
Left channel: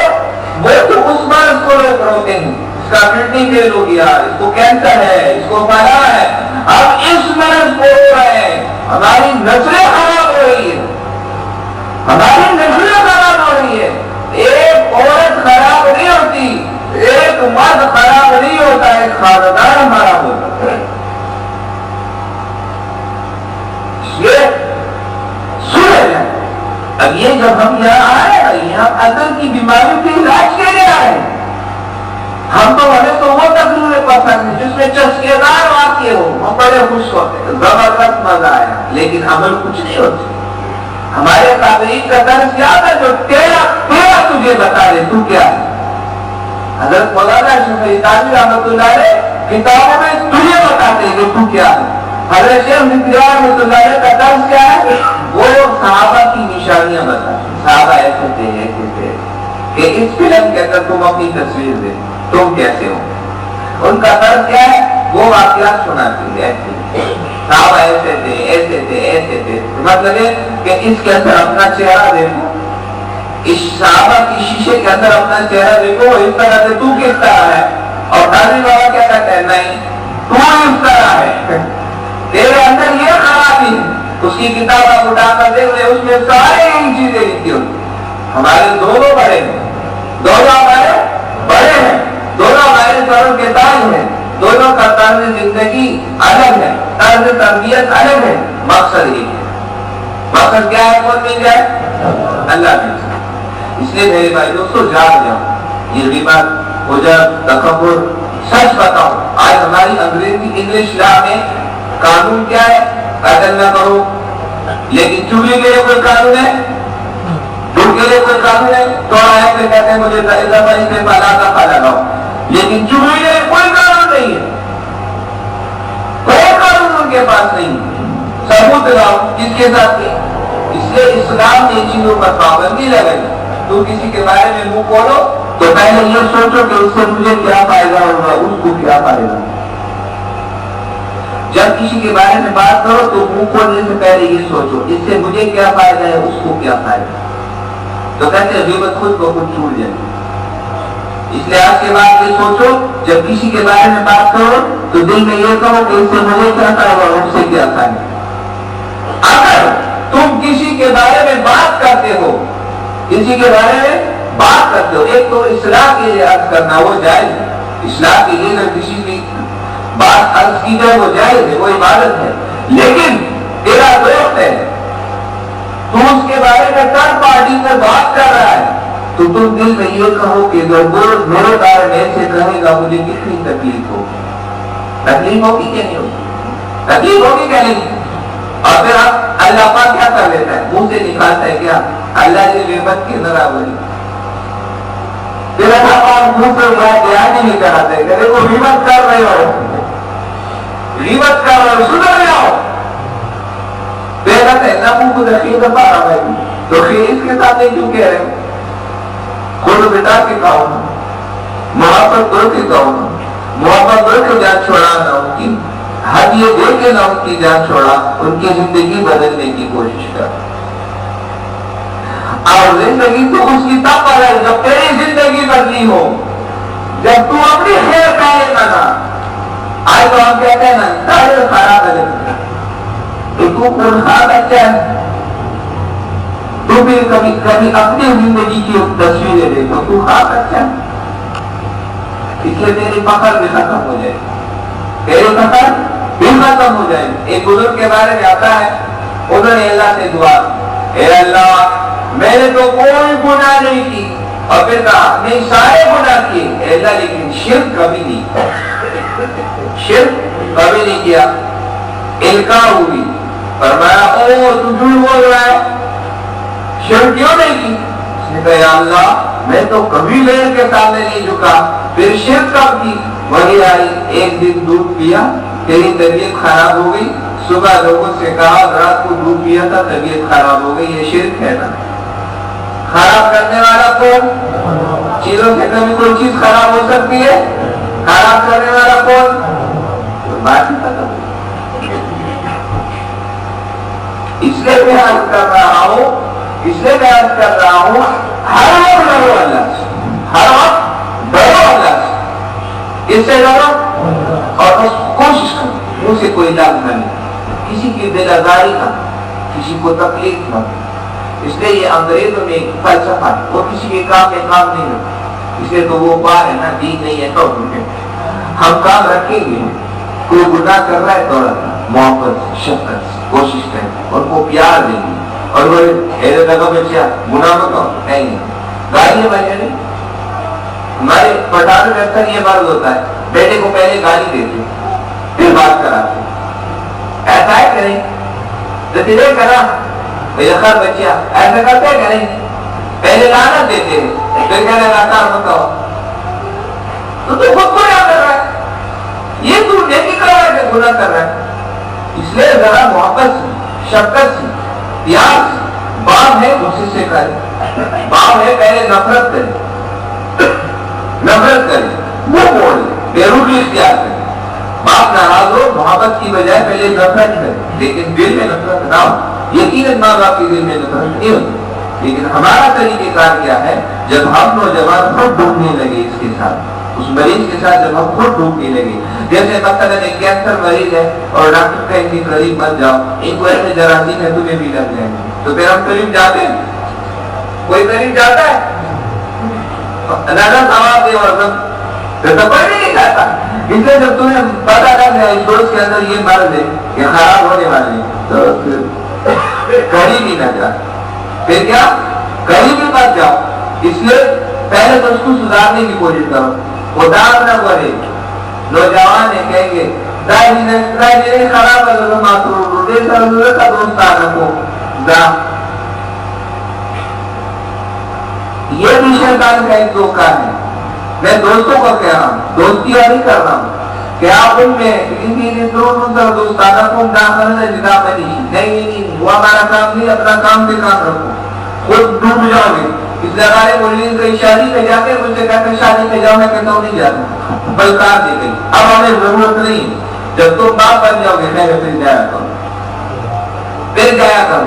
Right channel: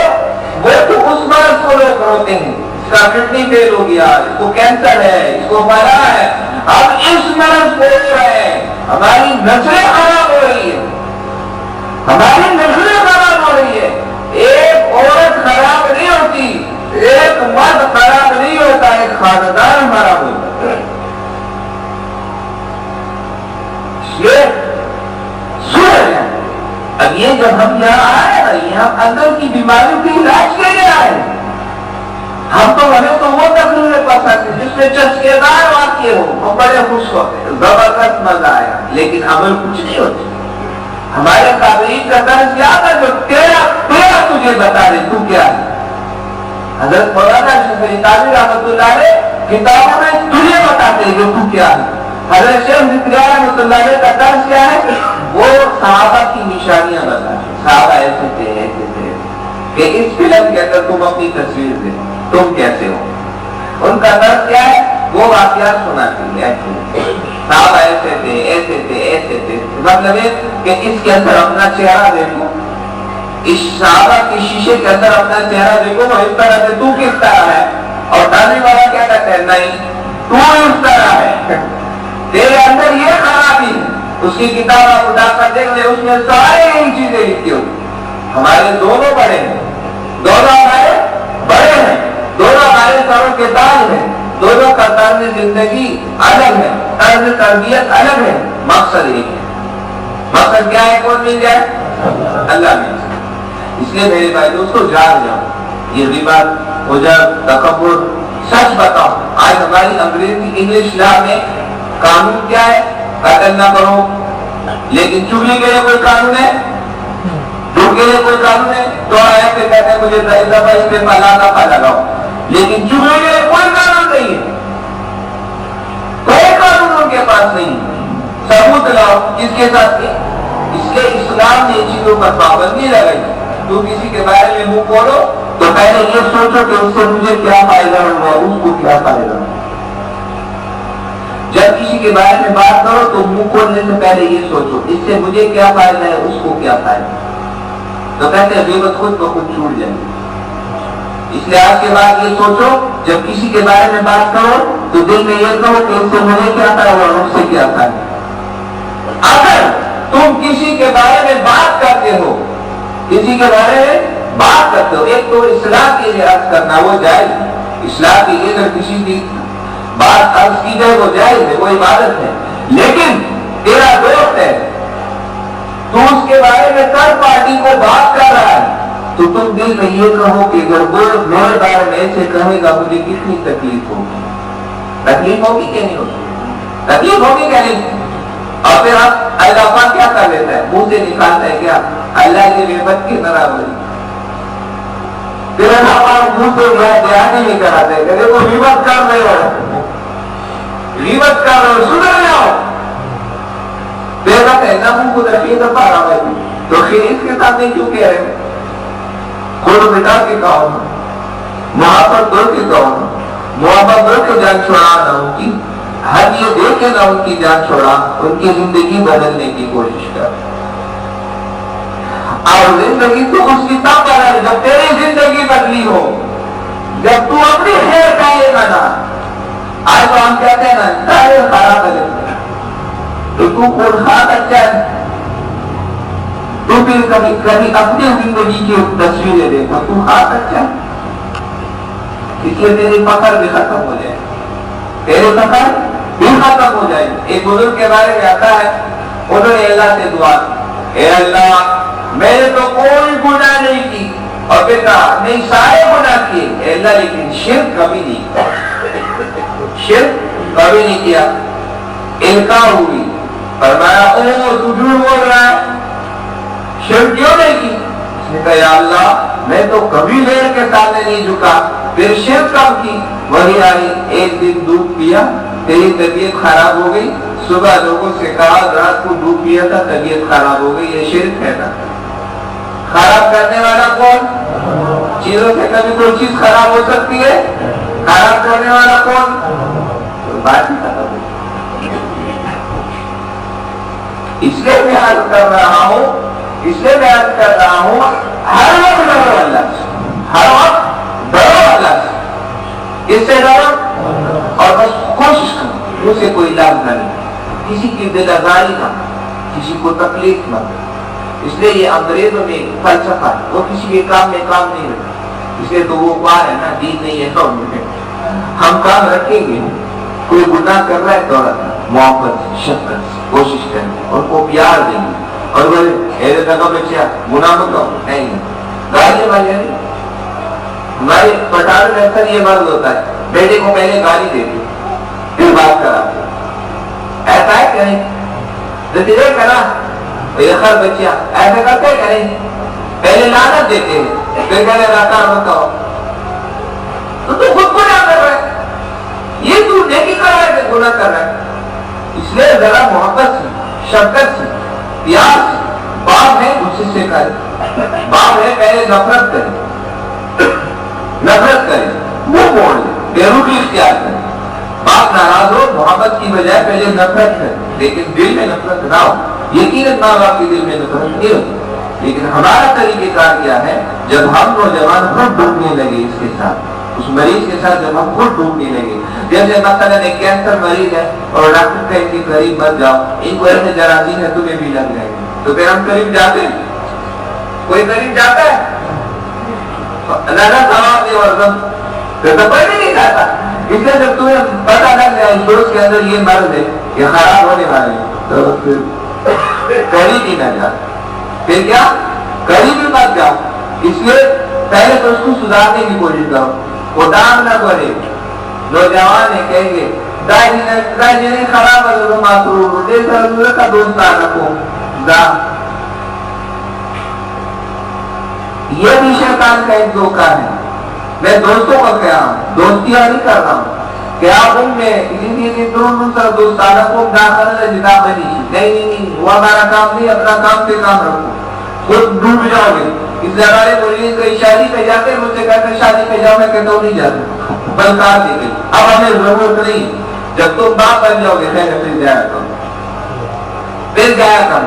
وہ تو اس مرض کو لوگ روتے ہیں، اس کا کڈنی فیل ہو گیا، اس کو کینسر ہے، اس کو پڑا ہے، اب اس مرض کو ہو رہے ہیں. ہماری نسلیں خراب ہو رہی ہے، ہماری نسلیں خراب ہو رہی ہے. ایک عورت خراب نہیں ہوتی، ایک مرد خراب نہیں ہوتا، ایک خاندان خراب ہوتا ہے. اب یہ جب ہم یہاں آئے نا، یہاں اندر کی بیماریوں کے علاج کے لیے آئے. ہمیں تو وہ تقریر پسند ہے جس میں چسکے دار واقع ہو، ہم بڑے خوش ہوتے ہیں، زبردست مزہ آیا، لیکن عمل کچھ نہیں ہوتی. ہمارے قابلین کا درس کیا تھا؟ جو تیرا تجھے بتا دے تو کیا ہے. حضرت مولانا اشرف علی تھانوی رحمۃ اللہ علیہ کتابوں میں تجھے بتاتے ہیں کہ تو کیا ہے. حضرت شیخ ذکریہ رحمۃ اللہ علیہ کا درس کیا ہے؟ وہ صحابہ کی نشانیاں بتاتے. صحابہ ایسے تھے، ایسے تھے، کہ اس فلم کے اندر تم اپنی تصویر دے، تم کیسے ہو. ان کا درس کیا ہے؟ وہ واقعات سناتے ہیں، ایسے صحابہ ایسے تھے، ایسے تھے، ایسے تھے. مطلب ہے کہ اس کے اندر اپنا چہرہ دیکھو، اس صحابہ کی شیشے کے اندر اپنا چہرہ دیکھو، وہ اس طرح سے تو کس طرح ہے. اور تانوی بابا کیا کہتے ہیں؟ نہیں، تو اس طرح ہے، تیرے اندر یہ خرابی ہے. اس کی کتاب آپ اٹھا کر دیکھ لیں، اس میں سارے ان چیزیں لکھی ہوئی. ہمارے دونوں بڑے ہیں، دونوں ہمارے بڑے ہیں، دونوں ہمارے سروں کے تاج ہیں، دونوں کا طرز زندگی الگ ہے، طرز تربیت الگ ہے. مقصد ایک ہے. مقصد کیا ہے؟ کون مل جائے؟ اللہ مل جائے. اس لیے میرے بھائی دوستو جاگ جاؤ. یہ غیبت، عجب، تکبر، سچ بتاؤ. آج ہماری انگلش لا میں قانون کیا ہے؟ قتل نہ کرو. لیکن چغلی کے لیے کوئی قانون ہے؟ جھوٹ کے لیے کوئی قانون قانون ہے توڑا ہے پھر کہتے ہیں مجھے استعفیٰ لگاؤ، لیکن چغلی میں کوئی قانون نہیں ہے، کوئی قانون ان کے پاس نہیں ہے، ثبوت لاؤ کس کے ساتھ کی؟ اس لیے اسلام نے چیزوں پر پابندی لگائی، تو کسی کے بارے میں منہ کھولو تو پہلے یہ سوچو کہ اس سے مجھے کیا فائدہ ہوگا، اس کو کیا فائدہ ہوگا۔ جب کسی کے بارے میں بات کرو تو منہ کھولنے سے پہلے یہ سوچو اس سے مجھے کیا فائدہ ہے، اس کو کیا فائدہ ہے۔ تو کہتے ہیں غیبت خود بخود چھوٹ جائے، اس لیے آج کے بعد یہ سوچو جب کسی کے بارے میں بات کرو تو دل میں یہ کہو کہ اس سے مجھے کیا فائدہ اور اس سے کیا فائدہ۔ اگر تم کسی کے بارے میں بات کرتے ہو، کسی کے بارے میں بات کرتے ہو، ایک تو اصلاح کے لیے عرض کرنا وہ جائز ہے، اصلاح کے لیے اگر کسی کی بات عرض کی جائے وہ جائز ہے، وہ عبادت ہے، لیکن تیرا دوست ہے تو اس کے بارے میں تھرڈ پارٹی کو بات کر رہا ہے تو تم دل میں یہ کہو کہ اگر وہ میرے بارے میں ایسے کہے گا مجھے کتنی تکلیف ہوگی، تکلیف ہوگی کہ نہیں ہوگی، تکلیف ہوگی کہ نہیں۔ اور پھر آپ اللہ پاک کیا کر لیتا ہے، منہ سے نکالتا ہے کیا، اللہ کی غیبت کی برابری، پھر اللہ پاک منہ سے بیان نہیں کراتا ہے کہ دیکھو غیبت کر رہے ہو، غیبت کر رہے ہو، سدھر جاؤ، پھر کہتے ہیں نہ منہ کو دخیل کر پا رہا ہے تو خیر اس کے ساتھ کیوں کہہ رہے ہیں، خود بٹا کے کہو نا، محبت دو کے کہو نا، محبت دو کے جان چھوڑا نہ ان کی، حد یہ دے کے نہ ان کی جان چھوڑا، ان کی زندگی بدلنے کی کوشش کر، اور زندگی تو اس کی تب بدل جب تیری زندگی بدلی ہو، جب تو اپنی خیر کہے گا نا۔ آج تو ہم کہتے ہیں نا خیر خراب ہے تو خود خواہ اچھا ہے، تو پھر کبھی کبھی اپنی زندگی کی تصویریں دیکھو تو خاص اچھا ہے، اس لیے تیری فخر بھی ختم ہو جائے، تیرے فخر بھی ختم ہو جائے۔ ایک بزرگ کے بارے میں آتا ہے انہوں نے اللہ سے دعا، اے اللہ میں نے تو کوئی گناہ نہیں کی، اور پھر کہا نہیں سارے گناہ کیے اے اللہ لیکن شرک کبھی نہیں، شرک کبھی نہیں کیا۔ انکار ہوئی، فرمایا او تو جھوٹ بول رہا ہے، شرک کیوں نہیں کی؟ اس نے کہا یا اللہ میں تو کبھی لیر کے سامنے نہیں جھکا، پھر شرک کب کی؟ وہی آئی ایک دن دودھ پیا تیری طبیعت خراب ہو گئی، صبح لوگوں سے کہا رات کو دودھ پیا تھا طبیعت خراب ہو گئی، یہ شرک ہے نا۔ خراب کرنے والا کون؟ چیزوں سے کبھی کوئی چیز خراب ہو سکتی ہے، خراب کرنے والا کون؟ بات ہی ختم ہو۔ اس لیے میں عرض کر رہا ہوں، اس لیے میں عرض کر رہا ہوں ہر وقت ڈرو اللہ سے، ہر وقت ڈرو اللہ سے، کس سے ڈرو؟ اور بس کوشش کرو منہ سے کوئی لفظ نہ نکلے، کسی کی دل آزاری نہ، کسی کو تکلیف نہ۔ اس لیے یہ انگریزوں میں ایک فلسفہ ہے، وہ کسی کے کام میں کام نہیں رکھتے، اس لیے تو وہ پار ہے نا دین نہیں ہے تو ہم کام رکھیں گے، کوئی گناہ کر رہا ہے تو محبت شفقت سے کوشش کریں گے، ان کو پیار دیں گے، اور وہ ایسے لگا بچیا گناہ کو نہیں گالیاں بجے نہیں۔ ہمارے پٹھان میں اکثر یہ مرض ہوتا ہے بیٹے کو پہلے گالی دیتے پھر بات کراتے، ایسا ہے کہ نہیں؟ نتیجے کرا خر بچیا ایسا کرتے ہیں کہ نہیں؟ پہلے لعنت دیتے ہیں پھر کہنے راکار مت ہو، تو خود کو کیا کر رہا ہے، یہ تو نیکی کر رہا ہے کہ گناہ کر رہا ہے۔ اس لیے ذرا محبت سے شفقت سے پیار سے، باپ ہے غصے سے کرے، باپ ہے پہلے نفرت کرے، نفرت کرے وہ موڑ لے، بے رخی اختیار کرے، باپ ناراض ہو محبت کی بجائے پہلے نفرت کرے، لیکن دل میں نفرت نہ ہو۔ یقیناً ماں باپ کے دل میں نفرت نہیں ہوتی، لیکن ہمارا طریقہ کار کیا ہے، جب ہم نوجوان خود ڈوبنے لگے اس کے ساتھ، اس مریض کے ساتھ جب ہم خود ڈوبنے لگے، جیسے مثلا ایک کینسر مریض ہے اور ڈاکٹر کہ ان کے قریب مت جاؤ، ان کو ایسے جراثیم ہے تمہیں بھی لگ جائے گی، تو پھر ہم قریب جاتے ہیں؟ کوئی قریب جاتا ہے؟ نظر ثواب دے اور پھر تو کوئی بھی نہیں جاتا۔ اس لیے جب تمہیں پتا لگ گیا اس دوست کے اندر یہ مرض ہے یہ خراب ہونے والے تو پھر قریب ہی نہ جا، پھر کیا قریب ہی مت جاؤ۔ اس لیے پہلے تو اس کو سدھارنے کی کوشش کرو، خدا نہ کرے نوجوان ہے کہیں گے دائی خراب ہے معصوم کا دوست آ رکھو یہ بھی شیطان کا ایک دھوکہ ہے. میں دوستوں کو کہہ رہا ہوں، دوستیاں نہیں کر رہا ہوں کہ آپ ان میں دوستانہ کو نہیں، وہ ہمارا کام نہیں، اپنا کام سے کام رکھو، خود ڈوب جاؤ گے. اس لگارے مولین کئی شادی پہ جا کے مجھ سے کہتے ہیں شادی پہ جاؤ، میں کہتا ہوں نہیں جاتا، بلکار دی گئی. اب ہمیں ضرورت نہیں، جب تم باپ بن جاؤ گے خیر پھر جایا کرو، پھر جایا کرو.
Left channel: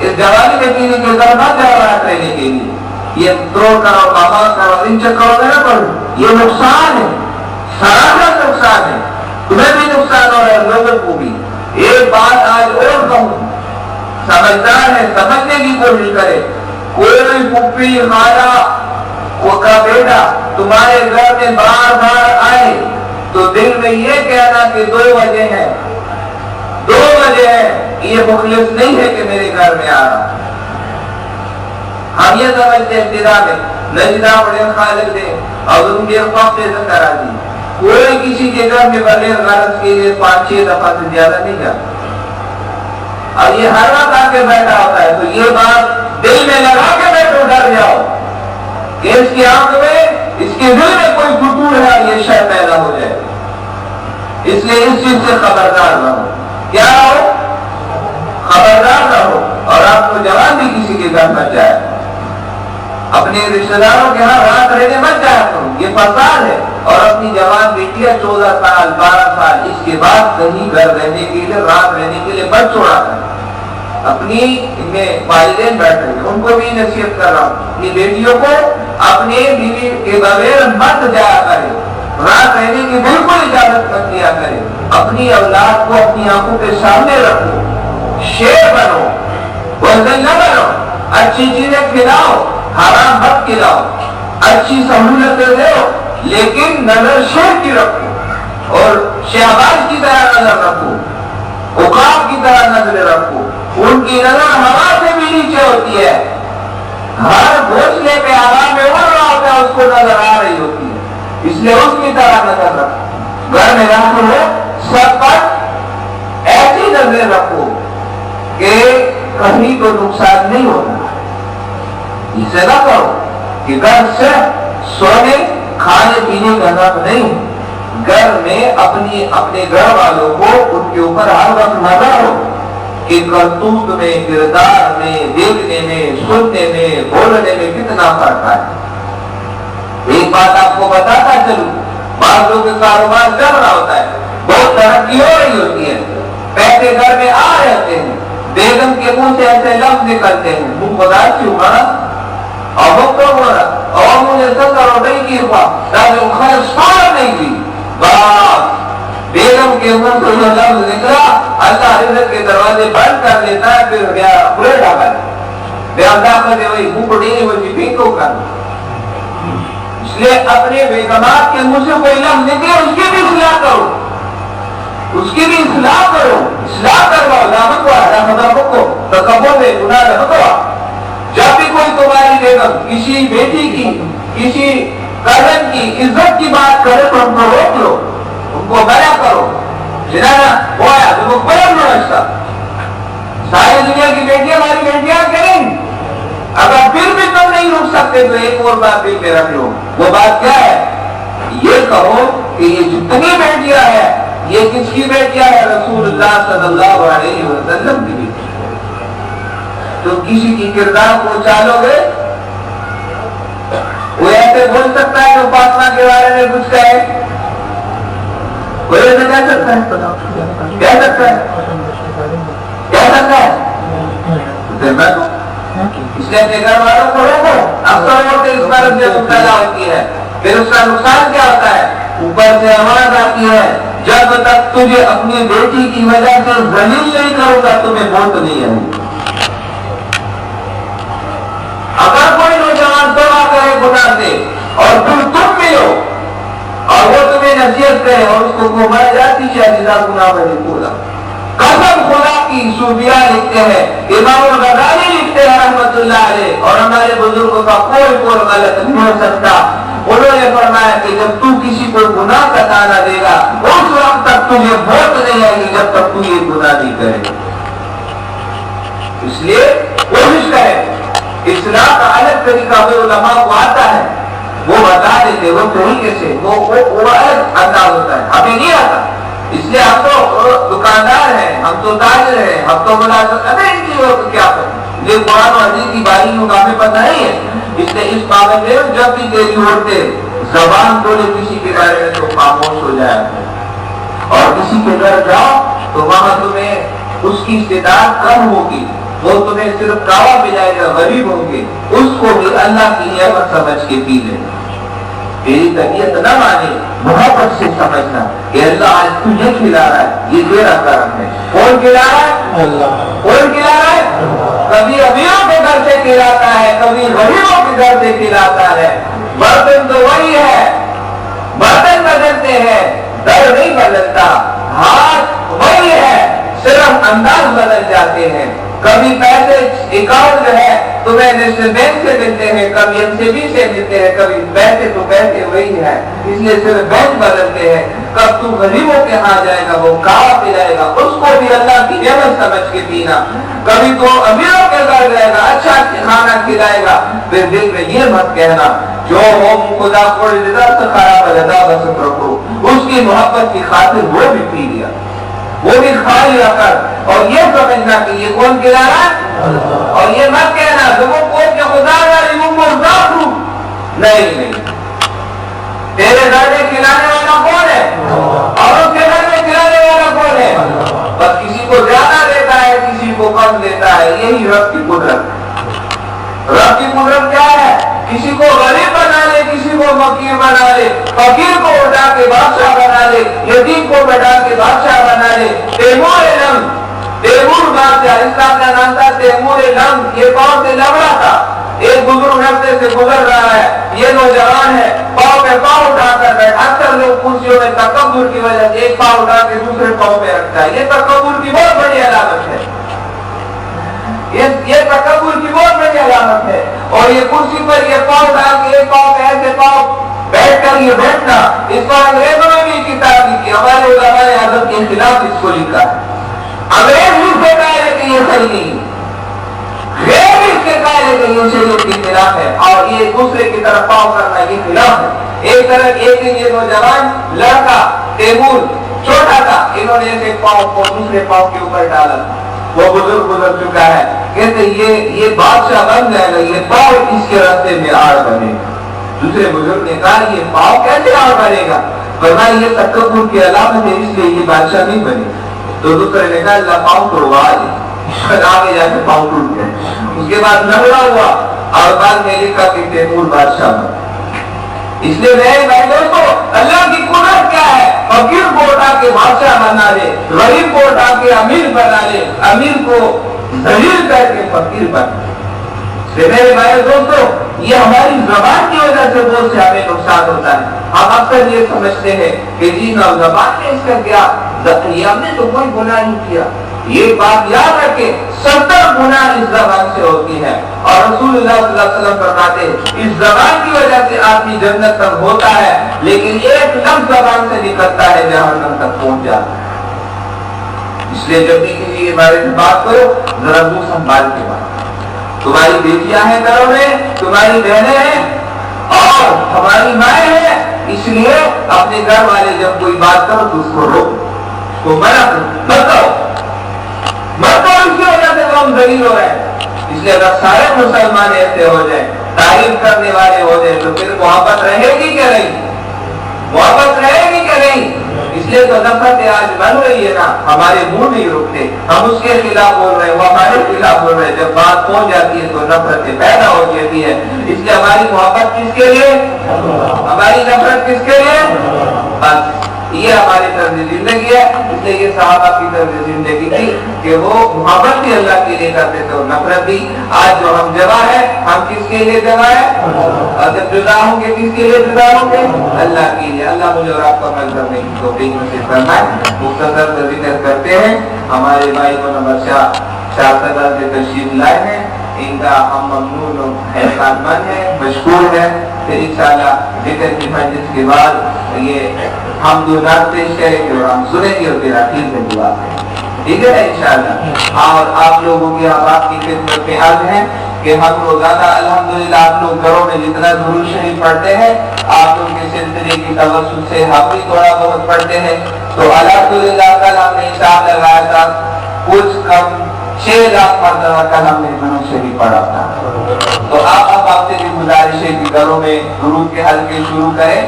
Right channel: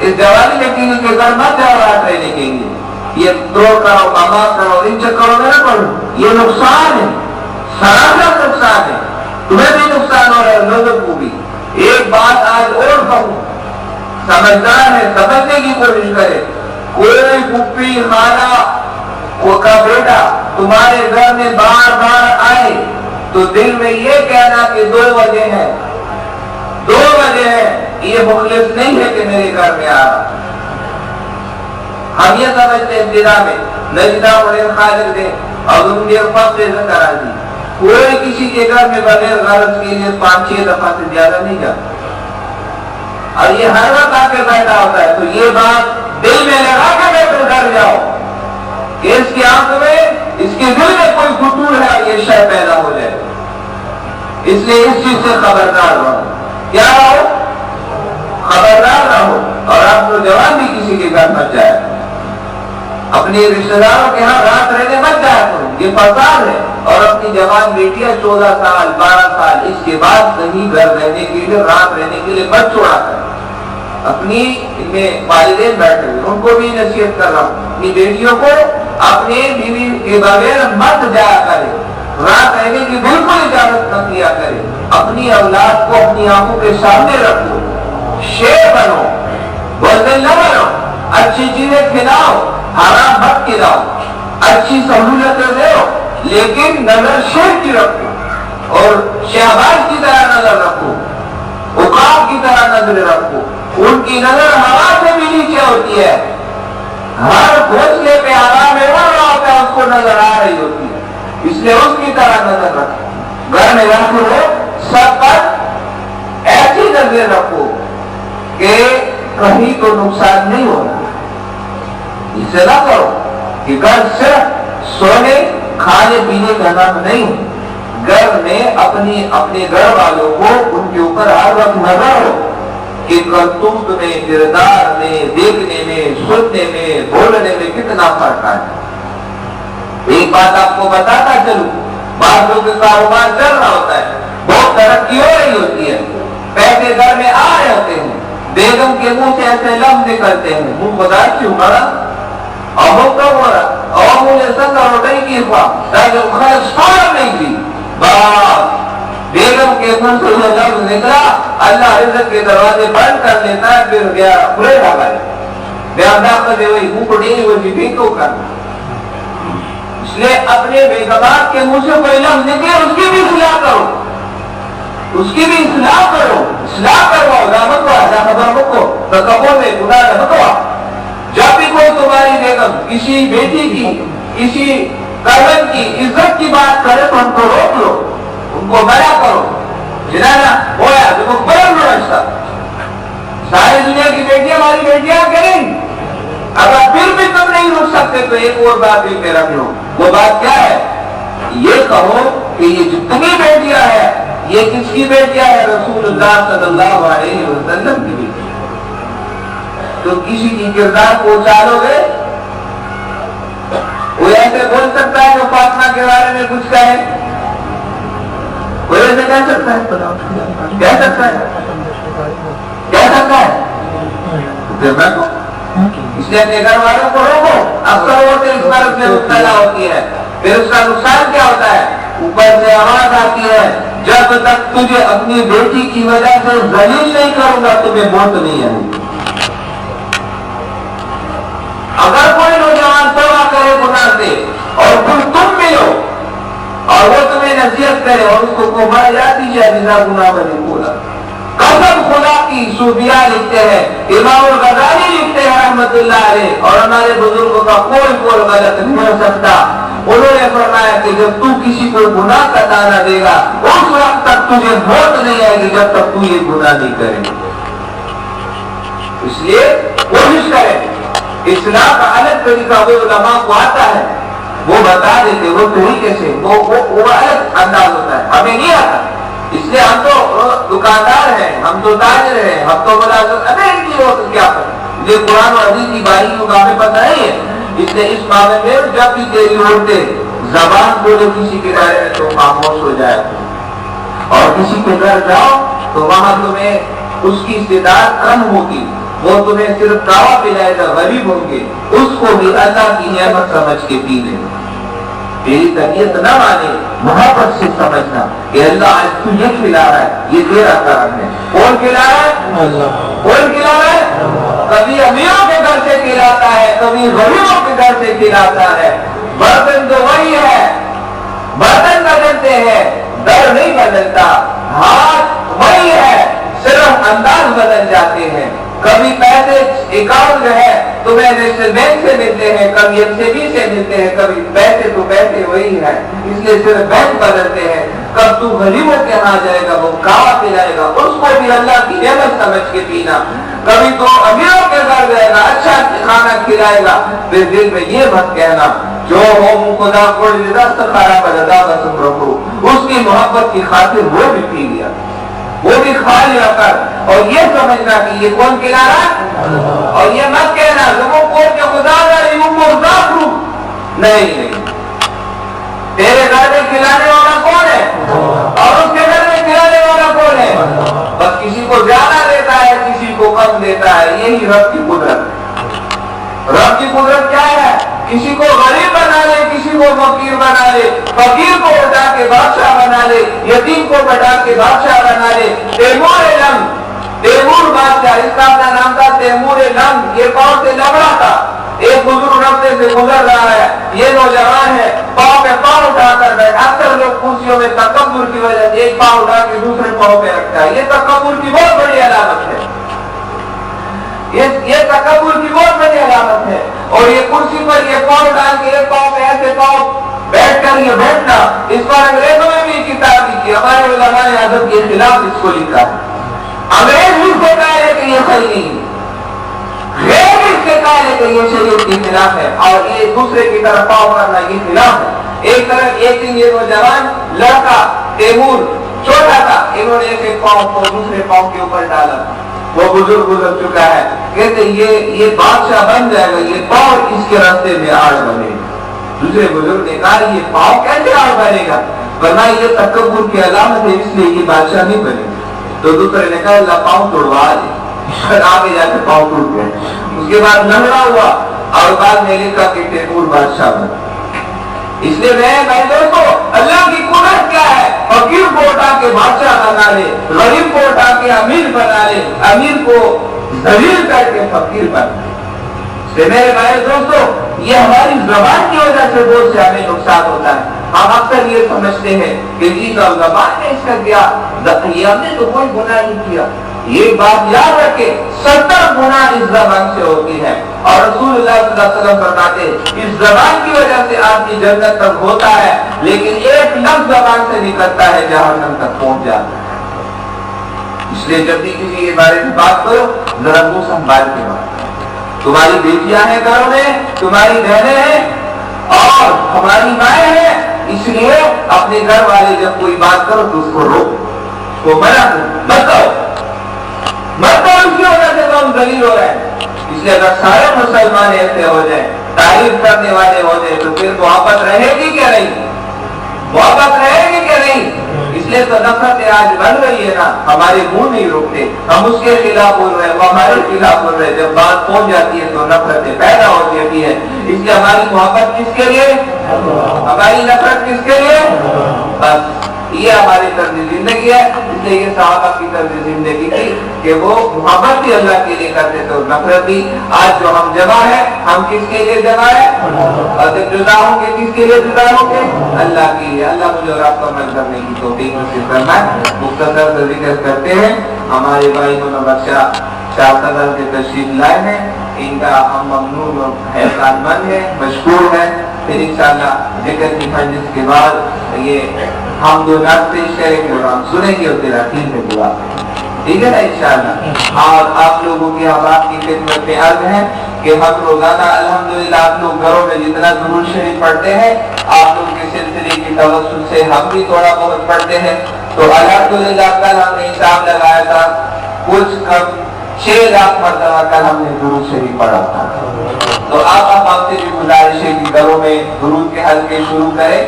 اس جوانی میں کسی کے گھر مت جاؤ رات رہنے کے لیے. یہ دروڑ کرو، ماما کرو، ان چکروں میں نہ پڑو. یہ نقصان ہے، سراسر نقصان ہے. تمہیں بھی نقصان ہو رہا ہے، لوگوں کو بھی. ایک بات آج اور کہوں، سمجھدار ہے سمجھنے کی کوشش کرے. کوئی پھپھی خالہ کا بیٹا تمہارے گھر میں بار بار آئے تو دل میں یہ کہنا کہ دو وجہ ہیں، دو وجہ ہے، یہ مخلص نہیں ہے کہ میرے گھر میں آ رہا. ہم یہ سمجھتے ہیں ابتدا میں نجدہ بڑے خالق دے اور ان کے فقر ذکر آجی. کوئی کسی کے گھر میں بغیر غرض کے لیے 5-6 دفعہ سے زیادہ نہیں جاتا، اور یہ ہر وقت آ کے بیٹھا ہوتا ہے. تو یہ بات دل میں لگا کے بیٹھو، ڈر جاؤ کہ اس کی آنکھ میں، اس کے دل میں کوئی فتور ہے اور یہ شے پیدا ہو جائے. اس لیے اس چیز سے خبردار رہو. کیا رہو؟ خبردار رہو. اور آپ کو جوان بھی کسی کے گھر مت جائے، اپنے رشتہ داروں کے ہاں رات رہنے مت جایا کرو، یہ فساد ہے. اور اپنی جوان بیٹیاں 14 سال 12 سال اس کے بعد کہیں گھر رہنے کے لیے، رات رہنے کے لیے مت چھوڑا کریں. اپنی ان میں والدین بیٹھے ہوئے ان کو بھی نصیحت کر رہا ہوں، اپنی بیٹیوں کو اپنے بیوی کے بغیر مت جایا کرے، رات رہنے کی بالکل اجازت مت دیا کرے. اپنی اولاد کو اپنی آنکھوں کے سامنے رکھو، شیر بنو، بزدل نہ بنو. اچھی چیزیں کھلاؤ، حرام مت کھلاؤ. اچھی سہولتیں دو لیکن نظر شیر کی رکھو، اور شہباز کی طرح نظر رکھو، عقاب کی طرح نظر رکھو. ان کی نظر ہوا سے بھی نیچے ہوتی ہے، ہر گھونسلے پہ ہوا میں اڑ رہا ہوتا ہے، اس کو نظر آ رہی ہوتی ہے. اس لیے اس کی طرح نظر رکھو. گھر میں رکھو ہو سب پر ایسی نظر رکھو کہ کہیں تو نقصان نہیں ہونا. اسے نہ کرو کہ گھر صرف سونے کھانے پینے کا نام نہیں، گھر میں اپنے گھر والوں کو ان کے اوپر ہر وقت نظر ہو کہ کرتوت میں، کردار میں، دیکھنے میں، سننے میں، بولنے میں کتنا فرق ہے. ایک بات آپ کو بتاتا چلوں، بعض لوگ کا کاروبار چل رہا ہوتا ہے، بہت ترقی ہو رہی ہوتی ہے، پیسے گھر میں آ رہے ہوتے ہیں، بیگم کے منہ سے ایسے لفظ نکلتے ہیں، منہ خدا کیوں مرا اور مکہ مرا اور مجھے سنگر اور نہیں کی ہوا تاکہ خیر سوار نہیں تھی. بس بیگم کے منہ سے جو لفظ نکلا اللہ رزق کے دروازے بند کر لیتا ہے، پھر گیا برے ڈالا بیان داخل دے وہی منہ کو ڈیلی وہی پھینکو کرنا. اس لیے اپنے بیگمات کے منہ سے کوئی لفظ نکلے اس کی بھی اصلاح کرو، اس کی بھی اصلاح کرو، اصلاح کرواؤ. دامن کو آدھا خبر کو تو کبوں میں گناہ رکھوا. جب بھی کوئی تمہاری بیگم کسی بیٹی کی، کسی کزن کی عزت کی بات کرے تو ان کو روک لو، ان کو منع کرو. جنانا ہوا تو وہ بڑا رشتہ، ساری دنیا کی بیٹیاں ہماری بیٹیاں کریں. اگر پھر بھی تم نہیں روک سکتے تو ایک اور بات دل میں رکھ لو. وہ بات کیا ہے؟ یہ کہو کہ یہ جتنی بیٹیاں ہیں یہ کس کی بیٹیاں ہے؟ رسول اللہ صلی اللہ علیہ وسلم کی بیٹی. تو کسی کی کردار کو چالو گے، کوئی ایسے بول سکتا ہے جو فاطمہ کے بارے میں کچھ کہے؟ کوئی ایسے کہہ سکتا ہے؟ کہہ سکتا ہے؟ کہہ سکتا ہے؟ پھر میں تو اس لیے اپنے گھر والوں کو روکو. اکثر عورتیں اس مرض میں مبتلا ہوتی ہے، پھر اس کا نقصان کیا ہوتا ہے؟ اوپر سے آواز آتی ہے جب تک تجھے اپنی بیٹی کی وجہ سے ذلیل نہیں کروں گا تمہیں موت نہیں آئے گی. اگر کوئی نوجوان توبہ کرے گناہ سے اور پھر تم ملو اور وہ تمہیں نصیحت کرے اور اس کو مر جاتی شاہدہ گناہ بنے بولا، قسم خدا کی. صوفیاء لکھتے ہیں، امام الغزالی لکھتے ہیں رحمت اللہ علیہ، اور ہمارے بزرگوں کا کوئی غلط نہیں ہو سکتا. انہوں نے فرمایا کہ جب تو کسی کو گناہ کا تانا دے گا اس وقت تک تجھے موت نہیں آئے گی جب تک تو یہ گناہ نہیں کرے. اس لیے کوشش کرے اصلاح کا الگ طریقہ وہ علماء کو آتا ہے، وہ بتا دیتے وہ طریقے سے، وہ الگ انداز ہوتا ہے، ہمیں نہیں آتا۔ اس لیے ہم تو دکاندار ہیں، ہم تو تاجر ہیں، ہم تو ملازم، ابھی ان کی کیا کریں، یہ قرآن و حدیث کی باریکیوں کا ہمیں پتہ نہیں ہے۔ اس لیے اس معاملے میں جب بھی تیری عورتیں زبان بولے کسی کے بارے میں تو خاموش ہو جائے، اور کسی کے گھر جاؤ تو وہاں تمہیں اس کی استطاعت کم ہوگی، وہ تمہیں صرف کعوہ پلائے گا، غریب ہوں گے، اس کو بھی اللہ کی نعمت سمجھ کے پی لے۔ میری طبیعت نہ مانے، محبت سے سمجھنا کہ اللہ آج تو یہ کھلا رہا ہے، یہ تیرا کرم ہے۔ کون کھلا رہا ہے؟ اللہ۔ کون کھلا رہا ہے؟ کبھی امیروں کے گھر سے کھلاتا ہے، کبھی غریبوں کے گھر سے کھلاتا ہے۔ برتن تو وہی ہے، برتن بدلتے ہیں، در نہیں بدلتا، ہاتھ وہی ہے، صرف انداز بدل جاتے ہیں۔ کبھی پیسے اکاؤنٹ جو ہے تمہیں نیشنل بینک سے ملتے ہیں، کبھی NCB سے ملتے ہیں، کبھی پیسے تو پیسے وہی ہیں، اس لیے صرف بینک بدلتے ہیں۔ کب تو غریبوں کے ہاں جائے گا، وہ کعوہ پلائے گا، اس کو بھی اللہ کی نعمت سمجھ کے پینا۔ کبھی تو امیروں کے گھر جائے گا، اچھا کھانا کھلائے گا، پھر دل میں یہ مت کہنا جو ہو خدا کو رضا سے خراب رضا بسم رکھو، اس کی محبت کی خاطر وہ بھی پی لیا، وہ بھی کھا لیا کر، اور یہ سمجھنا کہ یہ کون کھلا رہا ہے، اور یہ مت کہنا تم کون کے خدا نہیں، تیرے گھر میں کھلانے والا کون ہے اور اس کے گھر میں کھلانے والا کون ہے؟ بس کسی کو زیادہ دیتا ہے، کسی کو کم دیتا ہے، یہی رب کی قدرت ہے۔ رب کی قدرت کیا ہے؟ کسی کو غریب بنا لے، کسی کو فقیر بنا لے، فقیر کو اٹھا کے بادشاہ بنا لے، یتیم کو بٹا کے بادشاہ بنا لے۔ تیمور بادشاہ، اس کا اپنا نام تھا تیمور لنگ، یہ کون سے لبڑا تھا۔ ایک بزرگ راستے سے گزر رہا ہے، یہ نوجوان ہے، پاؤں پہ پاؤں اٹھا کر بیٹھ، اکثر لوگ کرسیوں میں تکبر کی وجہ سے ایک پاؤں اٹھا کے دوسرے پاؤں پہ رکھتا ہے، یہ تکبر کی بہت بڑی علامت ہے، یہ تکبر کی بہت بڑی علامت ہے۔ اور یہ کرسی پر یہ پاؤں ڈال کے ایک پاؤں پہ ایسے پاؤں بیٹھ کر یہ بیٹھنا، اس پر انگریزوں میں بھی کتاب لکھی، ہمارے علماء نے ادب کے خلاف اس کو لکھا ہے۔ انگریز بھی اس کو کہا ہے کہ یہ صحیح نہیں ہے، غیر بھی اس کے کہا ہے کہ یہ شریعت کے خلاف ہے، اور یہ دوسرے کی طرف پاؤں کرنا یہ خلاف ہے۔ ایک طرف ایک دن یہ نوجوان لڑکا تیمور چھوٹا تھا، انہوں نے ایک پاؤں کو دوسرے پاؤں کے اوپر ڈالا تھا، وہ بزرگ گزر چکا ہے، کہتے یہ بادشاہ بن جائے گا، یہ پاؤں اس کے راستے میں آڑ بنے گا۔ دوسرے بزرگ نے کہا یہ پاؤں کیسے آڑ بنے گا؟ فرمایا یہ تکبر کی علامت ہے، اس لیے یہ بادشاہ نہیں بنے گا۔ تو دوسرے نے کہا اللہ پاؤں توڑوا دے، آگے جا کے پاؤں ٹوٹ گئے۔ اس کے بعد لڑا ہوا اور بعد میں لکھا کہ تیمور بادشاہ بنا۔ اس لیے میں بھائی دوستو، اللہ کی قدرت کیا ہے؟ فقیر کو اٹھا کے بادشاہ بنا لے، غریب کو اٹھا کے امیر بنا لے، امیر کو ذلیل کر کے فقیر بنا لے۔ میرے بھائی دوستو، یہ ہماری زبان کی وجہ سے بہت سے ہمیں نقصان ہوتا ہے۔ ہم اکثر یہ سمجھتے ہیں کہ جی زبان میں اس کا کیا، یہ ہم نے تو کوئی گناہ نہیں کیا۔ یہ بات یاد رکھے، 70 گناہ اس زبان سے ہوتی ہے، اور رسول اللہ صلی اللہ علیہ وسلم فرماتے ہیں اس زبان کی وجہ سے آدمی جنت تک ہوتا ہے، لیکن ایک لفظ زبان سے نکلتا ہے جہنم تک پہنچ جاتا ہے۔ اس لیے جب بھی کسی کے بارے میں بات کرو ذرا منہ سنبھال کے بات کرو۔ تمہاری بیٹیاں ہیں گھروں میں، تمہاری بہنیں ہیں اور ہماری مائیں ہیں، اس لیے اپنے گھر والے جب کوئی بات کرو تو اس کو روکو، اس کو منع کرو، مت کرو اس کی وجہ سے تو ہم ذلیل ہو رہے ہیں۔ اس لیے اگر سارے مسلمان ایسے ہو جائیں، تعریف کرنے والے ہو جائیں، تو پھر محبت رہے گی کہ نہیں؟ محبت رہے گی کہ نہیں؟ اس لیے تو نفرتیں آج بن رہی ہے نا، ہمارے منہ نہیں رکتے، ہم اس کے خلاف بول رہے ہیں، وہ ہمارے خلاف بول رہے ہیں، جب بات پہنچ جاتی ہے تو نفرتیں پیدا ہو جاتی ہے۔ اس لیے ہماری محبت کس کے لیے، ہماری نفرت کس کے لیے؟ بس یہ ہماری طرز زندگی ہے۔ اس لیے یہ صحابہ کی طرز زندگی تھی کہ وہ محبت بھی اللہ کے لیے کرتے تھے اور نفرت بھی۔ آج جو ہم جمع ہے، ہم کس کے لیے جمع ہے؟ اور جب جدا ہوں گے کس کے لیے جدا ہوں گے؟ اللہ کے لیے۔ اللہ مجھے اور آپ کو عمل کرنے کی توفیق نصیب فرمائے۔ مختصر سے ذکر کرتے ہیں، ہمارے بھائی کو نمبر شاہ صدر کے تشریف لائے ہیں، ان کا ہم ممنون و احسان مند ہے، مشکور ہے۔ پھر انشاءاللہ ذکر کی مجلس کے بعد یہ ہم دو نعت پیش کریں گے اور ہم سنیں گے اور پھر آخر میں دعا کریں گے، ٹھیک ہے نا انشاءاللہ۔ اور آپ لوگوں کی اب آپ کی خدمت میں عرض ہے کہ کہ ہم روزانہ الحمدللہ آپ لوگ گھروں میں جتنا درود شریف پڑھتے ہیں آپ لوگ کے سلسلے کی توسط سے ہم بھی تھوڑا بہت پڑھتے ہیں. تو الحمدللہ کل ہم نے حساب لگایا تھا کچھ کم 6 لاکھ مرتبہ کل ہم نے درود شریف پڑھا تھا. تو آپ سے بھی گزارش ہے کہ گھروں میں درود کے حلقے شروع کریں.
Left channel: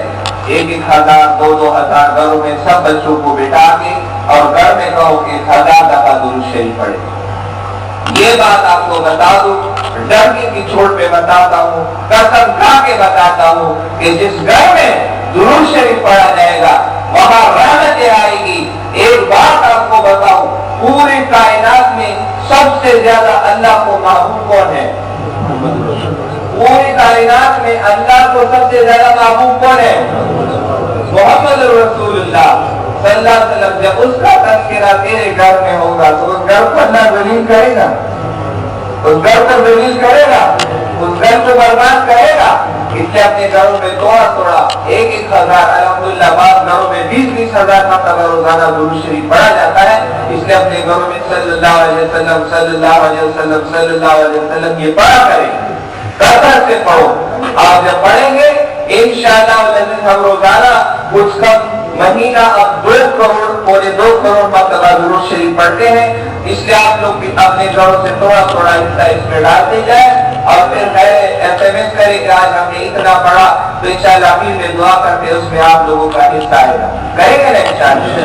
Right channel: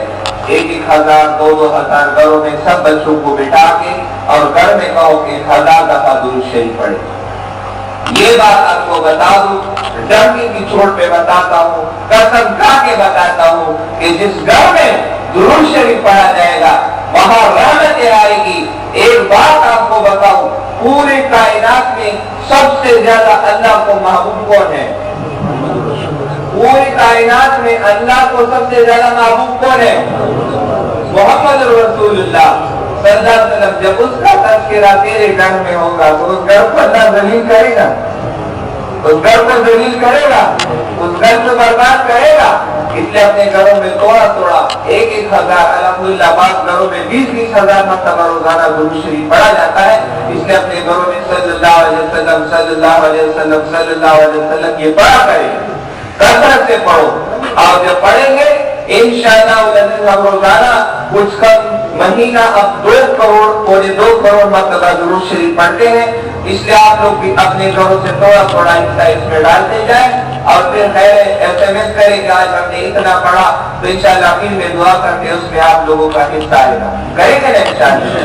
1,000 2,000 گھروں میں سب بچوں کو بٹھا کے اور گھر میں کہو کہ 1000 دفعہ درود شریف پڑھے. یہ بات آپ کو بتا دوں, ڈنکی کی چوٹ پہ بتاتا ہوں, قسم کھا کے بتاتا ہوں کہ جس گھر میں درود شریف پڑھا جائے گا وہاں رحمتیں آئے گی. ایک بات آپ کو بتاؤں, پوری کائنات میں سب سے زیادہ اللہ کو محبوب کون ہے؟ پوری کائنات میں اللہ کو سب سے زیادہ محبوب کون ہے؟ محمد رسول اللہ صلی اللہ علیہ وسلم. جب اس کا تذکرہ تیرے گھر میں ہوگا تو اس گھر کو اللہ ذلیل کرے گا, اس گھر کو ذلیل کرے گا, اس گھر کو برباد کرے گا. اس لیے اپنے گھروں میں تھوڑا تھوڑا 1,000 الحمدللہ بعض گھروں میں 20,000 مرتبہ روزانہ درود شریف پڑھا جاتا ہے. اس لیے اپنے گھروں میں صلی اللہ علیہ وسلم صلی اللہ علیہ وسلم صلی اللہ علیہ وسلم یہ پڑھا کریں, کثرت سے پڑھو. اور جب پڑھیں گے انشاءاللہ ہم روزانہ کچھ کم مہینہ اب 2 کروڑ پونے 2 کروڑ مرتبہ درود شریف پڑھتے ہیں. اس لیے آپ لوگ بھی اپنے گھروں سے تھوڑا تھوڑا حصہ اس میں ڈالتے جائیں اور پھر SMS کریں کہ آج ہم نے اتنا پڑھا, تو انشاءاللہ امین میں دعا کرتے اس میں آپ لوگوں کا حصہ آئے گا. کریں گے نا انشاءاللہ.